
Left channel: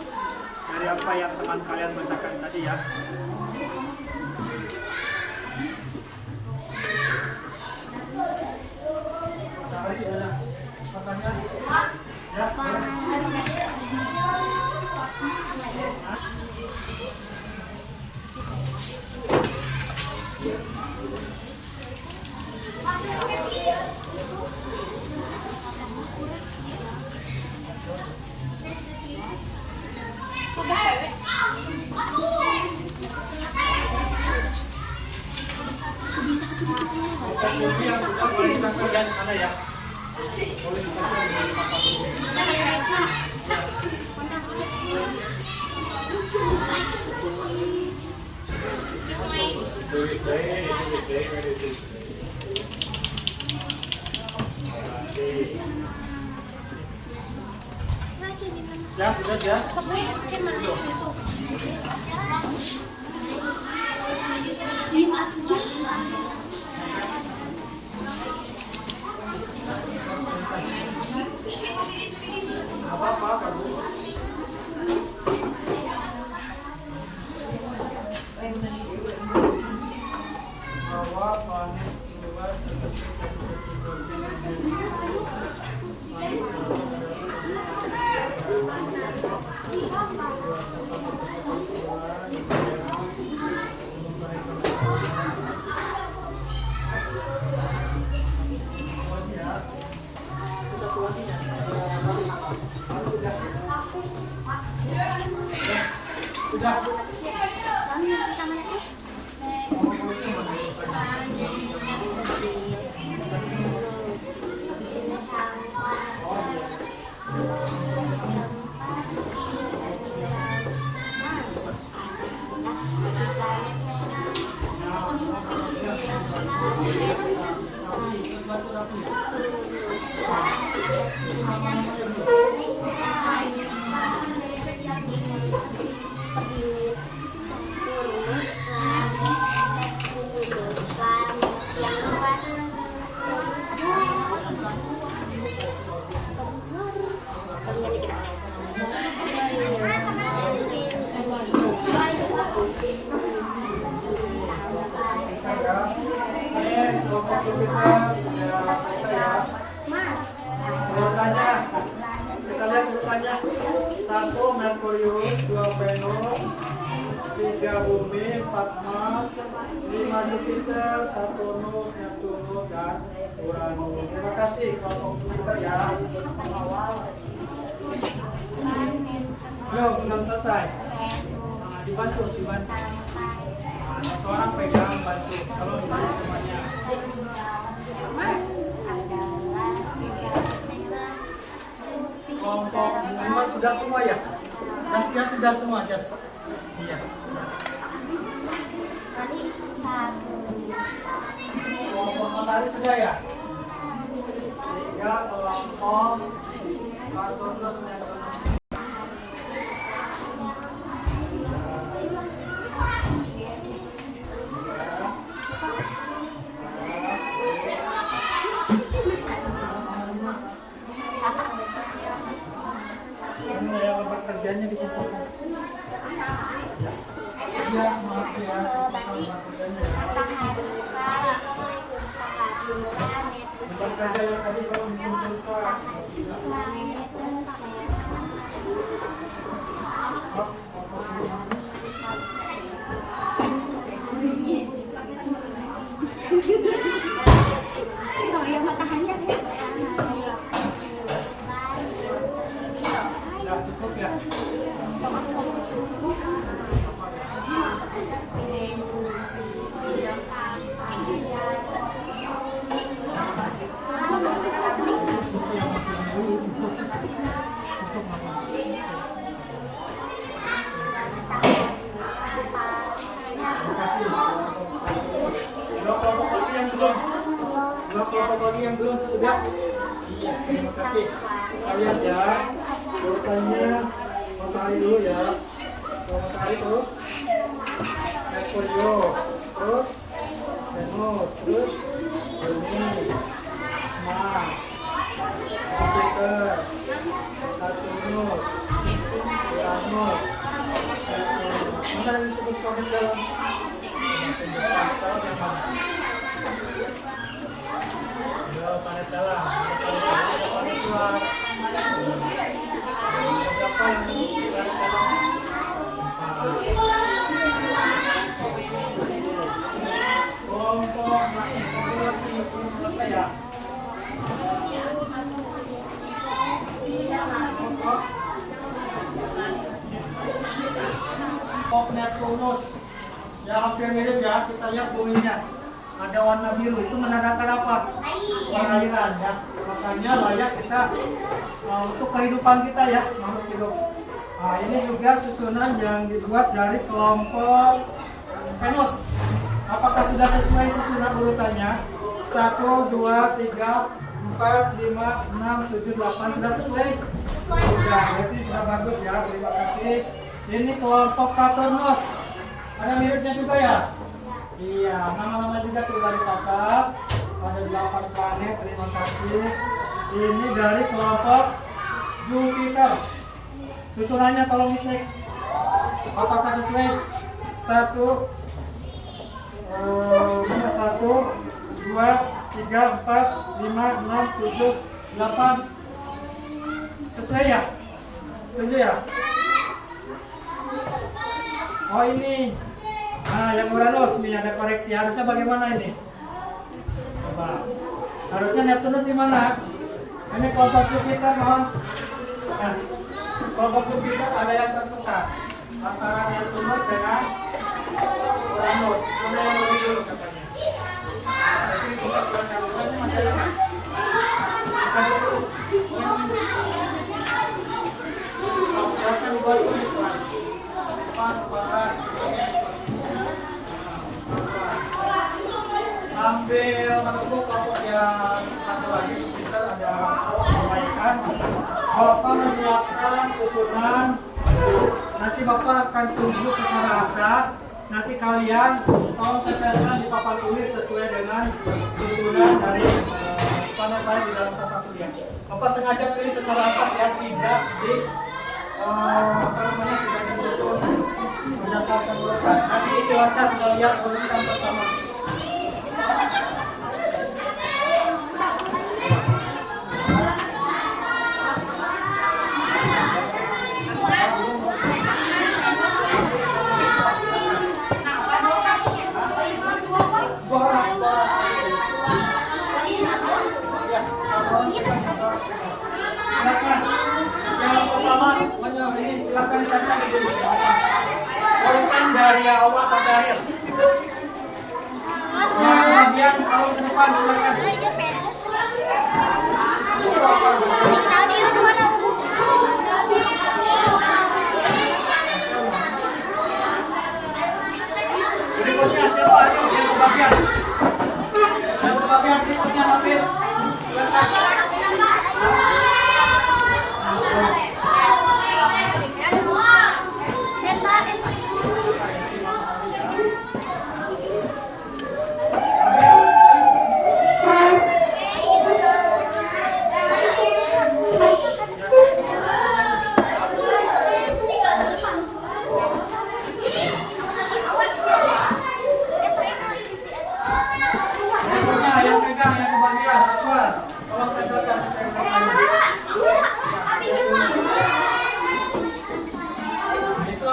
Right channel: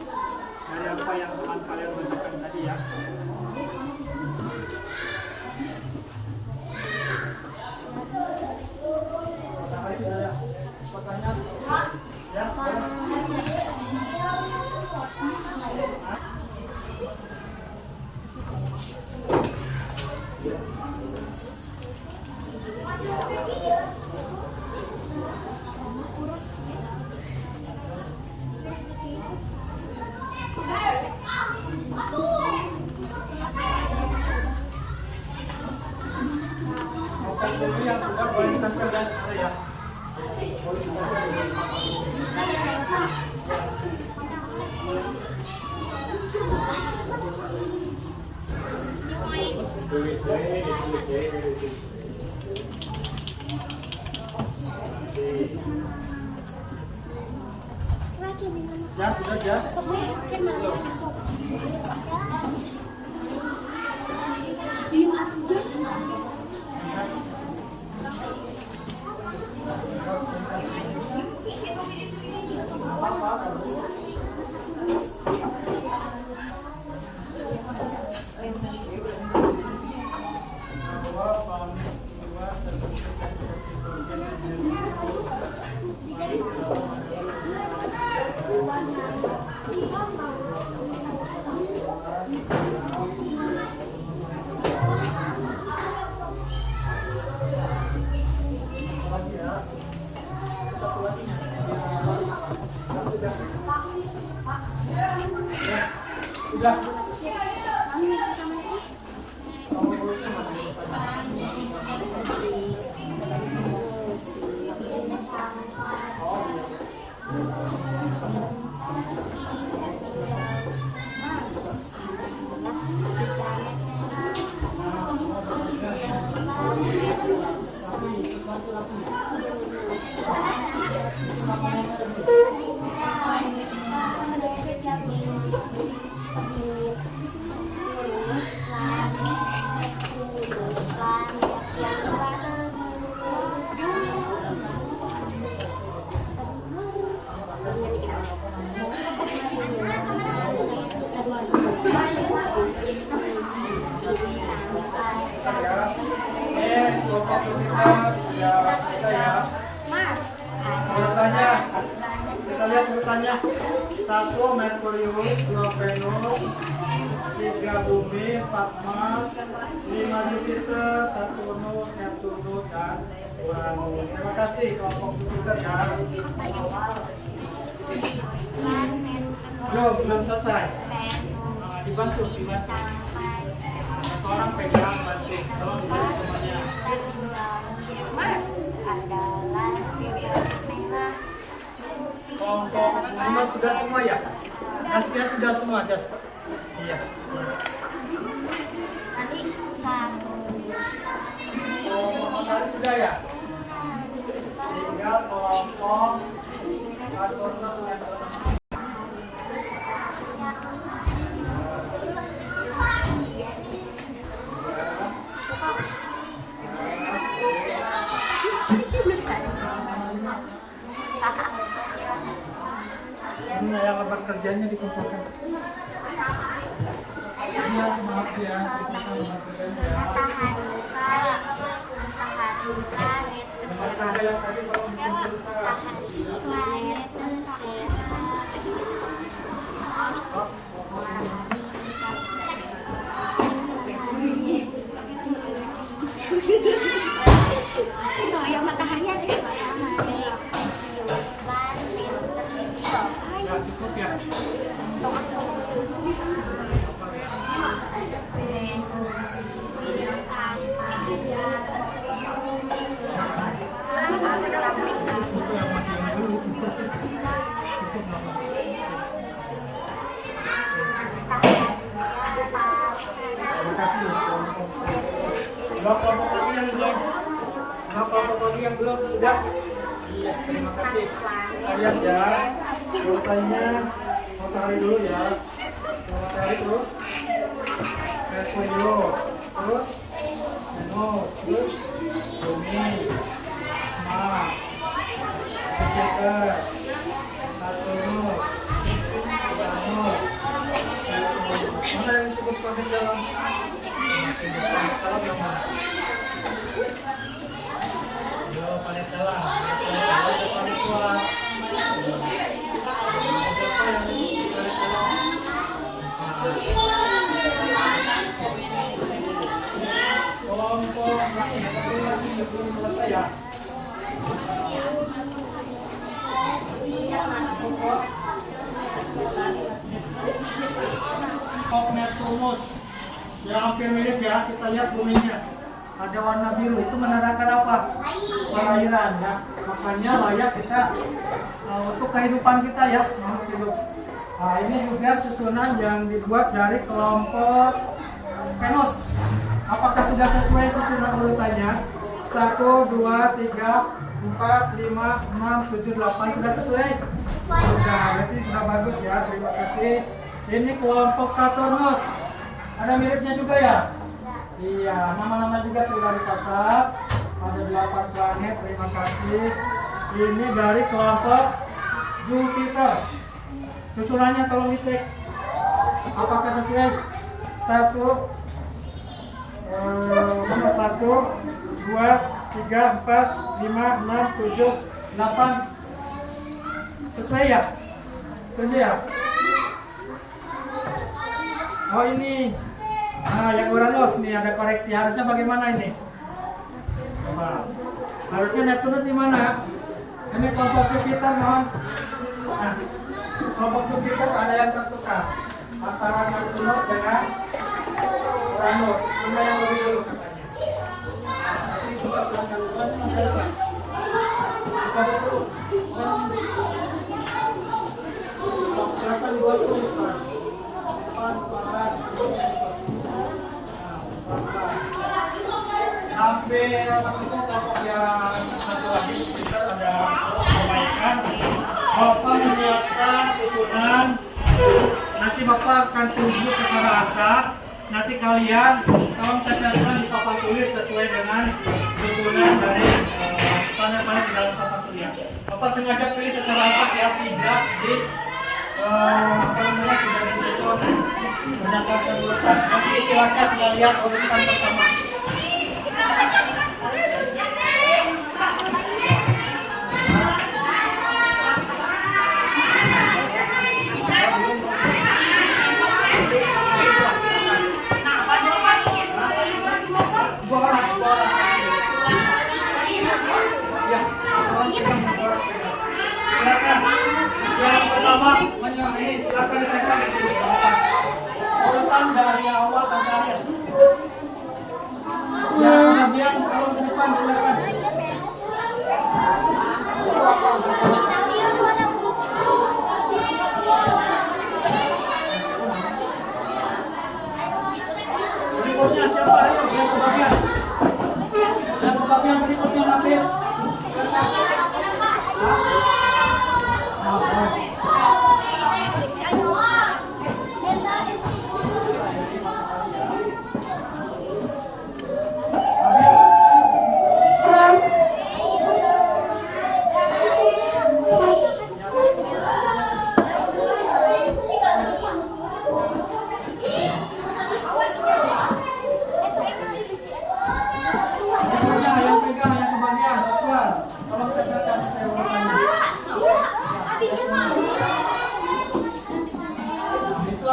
dari apa yang teman kalian bacakan tadi ya. Bumi yang sudah boleh ditangkap di sana ya. Boleh ya, sudah ya. Apa kamu? Sudah. Kita lihat urutannya. 1 Merkurius, 2 Venus, 3 Bumi, 4 Mars, 5 Jupiter, 1 Neptunus, dan Uranus. Terima kasih kelompok Jupiter ya. Belum selesai. Dibantu. Satu orang pegang bantu. Kalau dibantu semuanya. Mars adalah Kelompok 5 sudah semua ya? Jasnya sudah semua, Jas? Iya. Tadi 1. Kelompok matahari sudah ya? 3 kelompok Saturnus sudah selesai. Yang lebar kerjanya dikumpulkan. Iya, maaf ya. Matahari bulan, matahari planet, Benar saja yang tadi kalau dikumpulkan. planet, oh yang matahari ada ya, matahari, planet terkecil. Ya, cukup ya. Cukup yang masih yang dulu, cukup. Cukup apa? Terima kasih. Berapa tadi yang belum? Berapa tadi yang belum? Sudah? Iya, terima kasih. Kalian ya, urutannya matahari dulu ya. Matahari terus Merkurius, terus Venus, terus Bumi, Mars, Jupiter, Saturnus, Uranus, Neptunus. Mana yang disebut planet dalam? Planet dalam, kalau yang mana? Planet dalam, ada planet luar. Berapa yang planet dalam? Kelompok planet satu lagi belum selesai ya. Kelompok Neptunus yang hampir mirip ya, kita lihat buminya ada warna biru, itu menandakan apa? Perairan ya, makanya layak kita untuk kehidupan kita ya, makhluk hidup. Nah, ini juga susunan yang dibuat dari kelompok Venus. Apakah sudah sesuai susunan urutannya? 1, 2, 3, 4, 5, 6, 7, 8 sudah sesuai? Sudah, berarti sudah bagus ya, terima kasih. Ini kelompok Saturnus. Ada miripnya juga ya? Iya, nama-nama juga sudah dicatat. Ada 8 planet, terima kasih. Ini dari kelompok Jupiter. Susunannya tolong dicek. Apakah sesuai? 1, 2, 3, 4, 5, 6, 7, 8. Sesuai ya? Setuju ya? Oh ini. Nah, yang Uranus nih ada koreksi. Harusnya bagaimana ini? Coba. Harusnya Neptunus di mana? Ini kelompok Jupiter mohon. Nah, kelompok Jupiter ada yang tertukar antara Neptunus dengan Uranus. Mana yang lebih dulu katanya? Jadi kita silakan dulu. Ini masih ada mas. Kita dulu. Silakan buat tulis. Ambil kelompok yang satu lagi kita ada perbaikan. Bapak menyiapkan susunan. Nanti Bapak akan tunjuk secara acak. Nanti kalian tolong tempelkan di papan tulis sesuai dengan susunan dari planet-planet di dalam tata surya. Bapak sengaja pilih secara acak ya, tidak di tidak disusun berdasarkan urutan. Nanti silakan kita lihat urutan pertama. Silakan. Yang pertama, ini silakan ditekan di sini. Urutan dari awal sampai akhir. Yang bagian selalu ke depan silakan. Berikutnya siapa? Ayo yang kebagian. Yang kebagian berikutnya habis.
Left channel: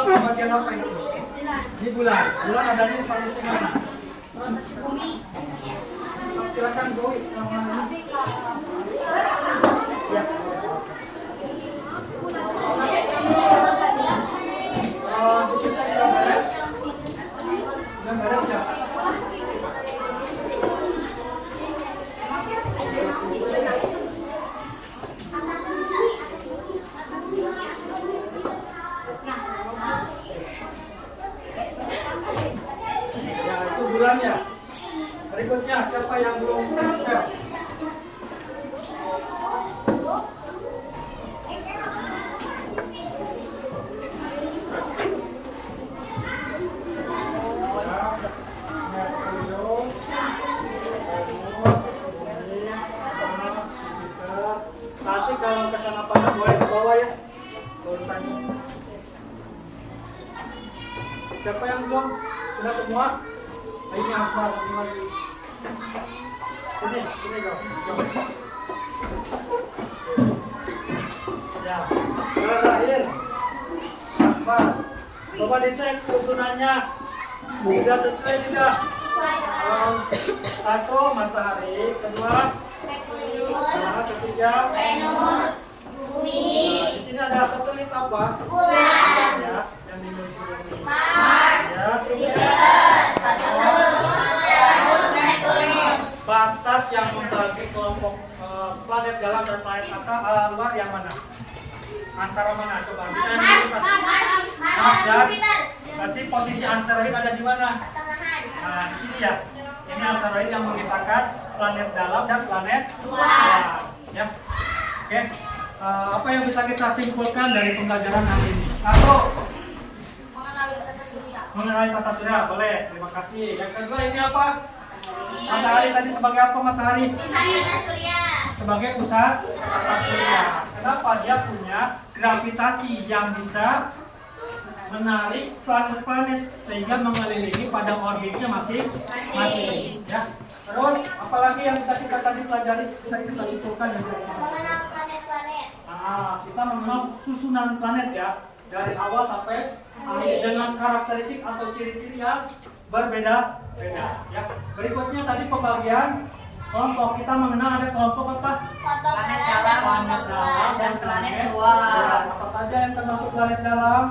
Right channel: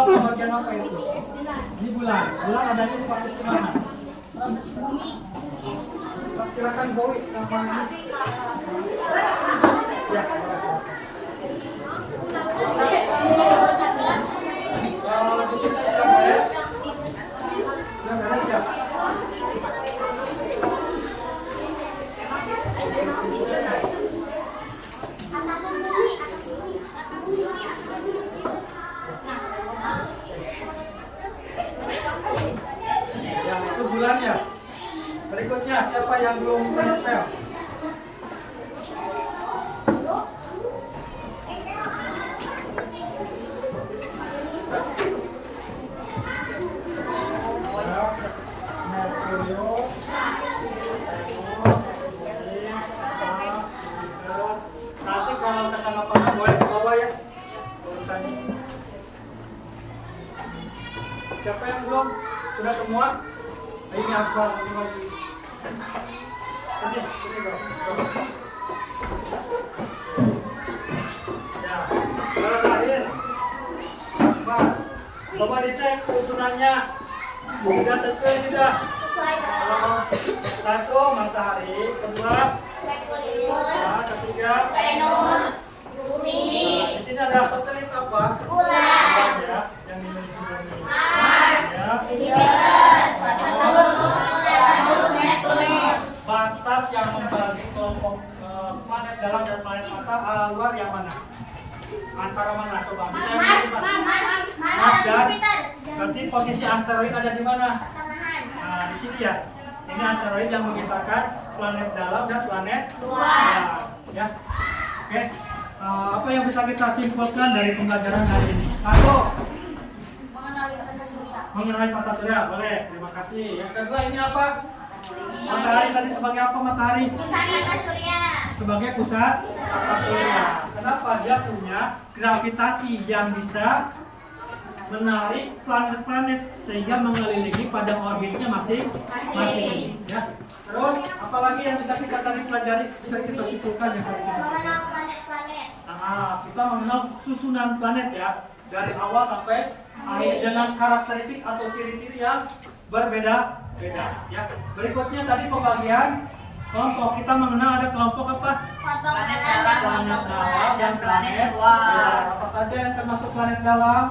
pembagian apa itu? Di bulan. Bulan adanya di posisi mana? Bumi. Silakan Bowi yang mana ini? Siap. Sisanya sudah beres? Sudah beres ya? Ya, itu bulannya. Berikutnya, siapa yang belum menempel? Nanti kalau kesana pasang boleh ke bawah ya. Urutannya. Siapa yang belum? Sudah semua? Ini Akbar, ini lagi. Sini go. Ya, terakhir. Akbar. Coba dicek susunannya. Sudah sesuai tidak? Kalau satu matahari, kedua ketiga Venus, Bumi, Nah, di sini ada satelit apa? Bulan, Ya, yang dimiliki bumi. Mars, Ya. Jupiter, Saturnus, Neptunus. Batas yang membagi kelompok planet dalam dan planet luar yang mana? Antara mana? Coba bisa yang ditunjukkan? Mars dan Jupiter. berarti posisi asteroid ada di mana? Pertengahan. Nah, di sini ya. Ini asteroid yang memisahkan planet dalam dan planet Luar. ya. Oke. Apa yang bisa kita simpulkan dari pembelajaran hari ini? Satu, Mengenali tata surya. mengenai tata surya. Boleh. Terima kasih. Yang kedua ini apa? Matahari tadi sebagai apa matahari? Pusat tata surya. Sebagai pusat tata surya. Kenapa? Dia punya gravitasi yang bisa menarik planet-planet sehingga mengelilingi pada orbitnya masing-masing. Ya. Terus apalagi yang bisa kita tadi pelajari, bisa kita simpulkan yang tadi kita pelajari? Mengenal planet-planet. Nah, kita mengenal susunan planet ya dari awal sampai akhir dengan karakteristik atau ciri-ciri yang berbeda-beda. Ya. Berikutnya tadi pembagian kelompok, kita mengenal ada kelompok apa? Kelompok Planet dalam dalam, dan kelompok kelompok luar, luar. dan planet luar. Apa saja yang termasuk planet dalam?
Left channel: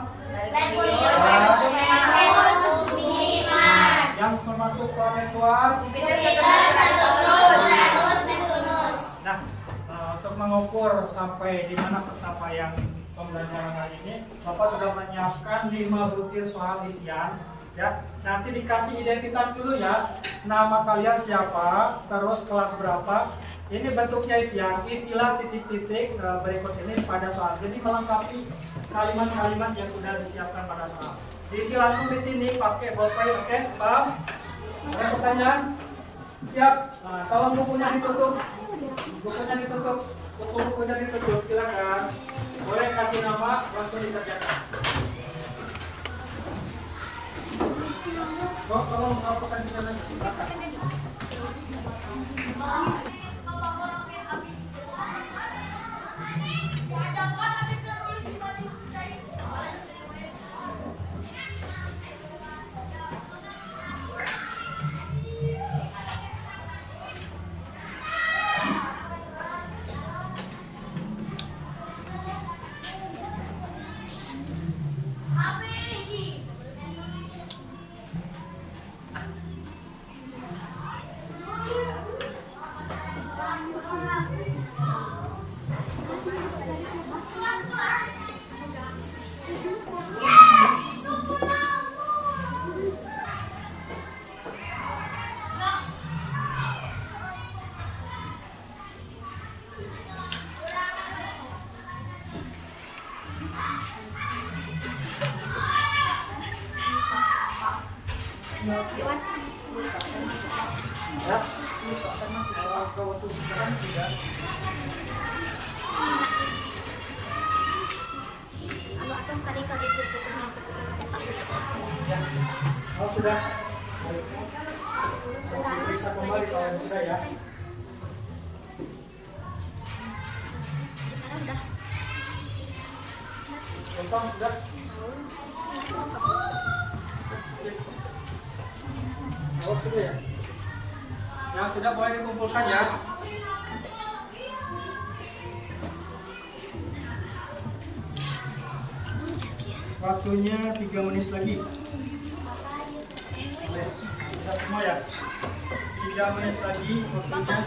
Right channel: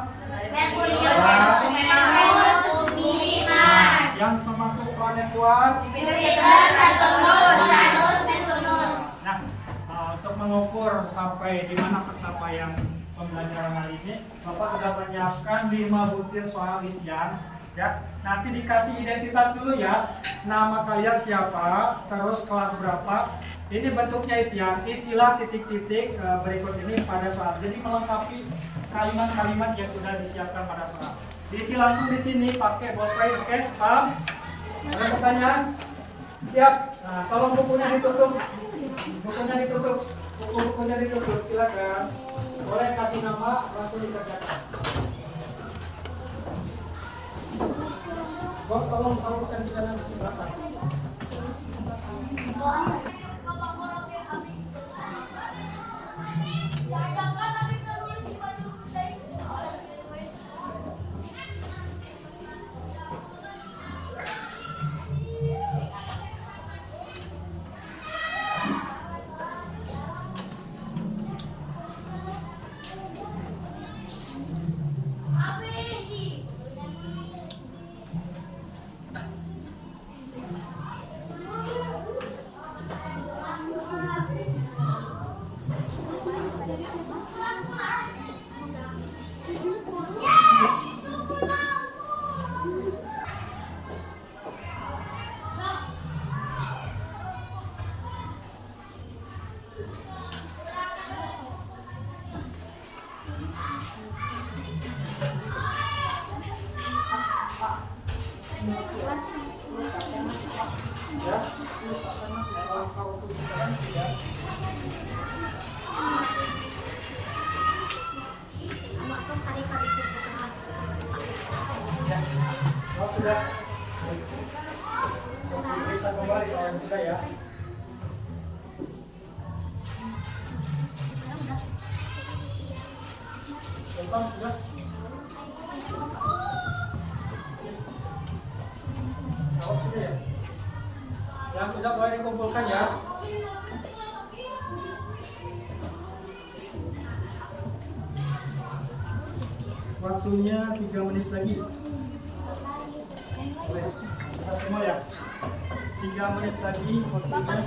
Merkurius, Venus, Bumi, Mars. Yang termasuk planet luar? Jupiter, Saturnus, Uranus, Neptunus. Nah, untuk mengukur sampai di mana pencapaian pembelajaran hari ini, Bapak sudah menyiapkan 5 butir soal isian. Ya, nanti dikasih identitas dulu ya. Nama kalian siapa, terus kelas berapa. Ini bentuknya isian, istilah titik-titik berikut ini pada soal. Jadi melengkapi kalimat-kalimat yang sudah disiapkan pada soal. Diisi langsung di sini pakai bolpen, oke? Paham? Ada pertanyaan? Siap. Nah, tolong bukunya ditutup. Bukunya ditutup. Buku-bukunya ditutup. Silakan. Boleh kasih nama, langsung dikerjakan. Tolong sampaikan di sana di belakang. Ya, termasuk kalau untuk sekarang tidak. Atau sekali-kali itu Ya, kalau sudah bisa kembali kalau bisa ya. Contoh sudah. Jawab sudah ya. Yang sudah boleh dikumpulkan ya. Waktunya 3 menit lagi. Boleh. Sudah semua ya. 3 menit lagi waktunya.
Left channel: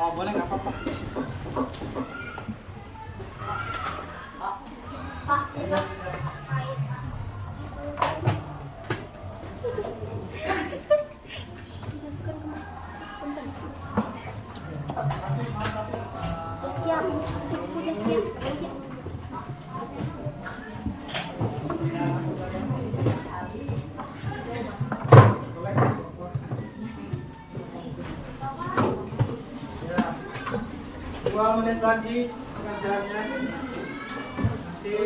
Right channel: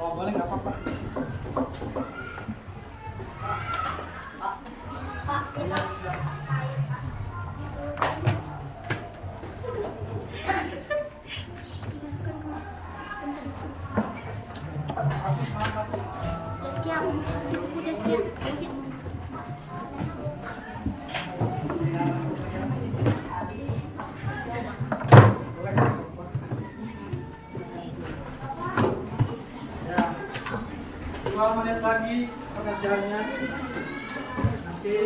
Oh boleh nggak apa-apa. Ya, ya. Masukkan ke punten. Masih mantap. Jaskia, siku Jaskia. Dua menit lagi pengajarannya. Nanti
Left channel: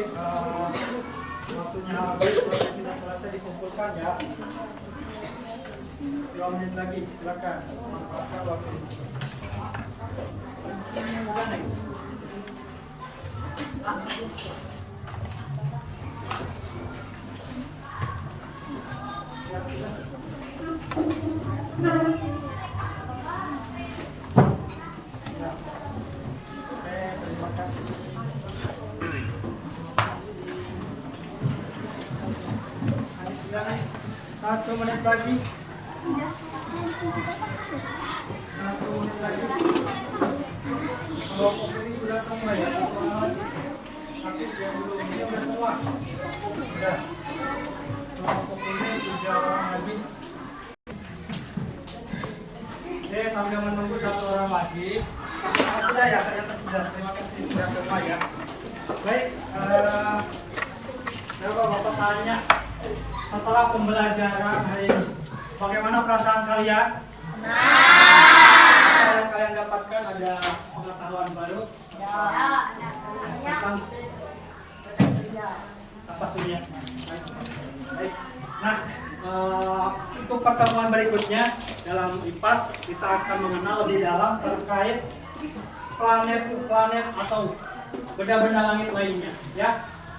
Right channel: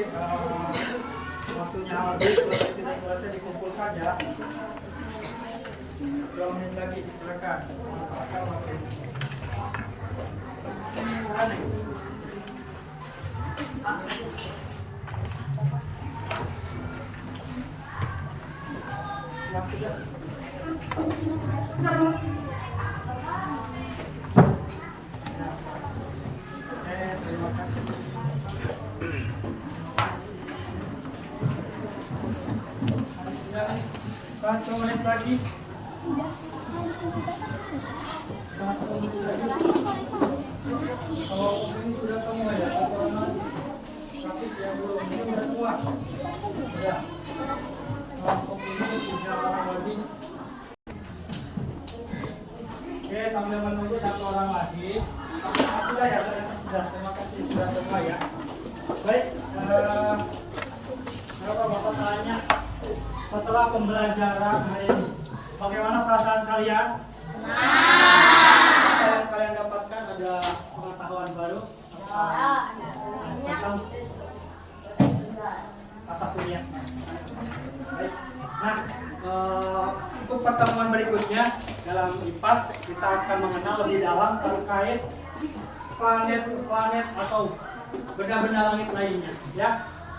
waktunya habis, kalau tidak selesai dikumpulkan ya. 2 menit lagi, silakan manfaatkan waktu. Terima kasih. Satu menit lagi. 1 menit lagi. Kalau ini sudah semua ya, tapi yang belum ini sudah semua. Sudah. Kelompok ini 3 orang lagi. Oke, sambil menunggu 1 orang lagi. Sudah ya, ternyata sudah. Terima kasih sudah semua ya. Baik, Bapak tanya setelah pembelajaran hari ini, bagaimana perasaan kalian? Apa yang kalian dapatkan, ada pengetahuan baru? Tentang apa surya? Baik. Nah, untuk pertemuan berikutnya dalam IPAS kita akan mengenal lebih dalam terkait planet-planet atau benda-benda langit lainnya, ya.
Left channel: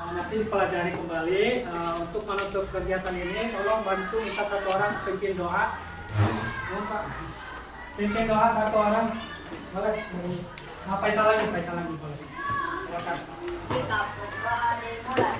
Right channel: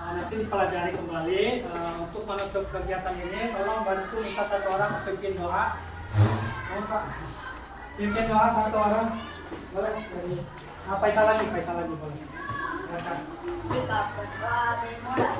Nanti dipelajari kembali. Untuk menutup kegiatan ini, tolong bantu minta 1 orang pimpin doa. Pimpin doa 1 orang, boleh? Faisal lagi boleh. Silakan. Sikap berdoa dimulai.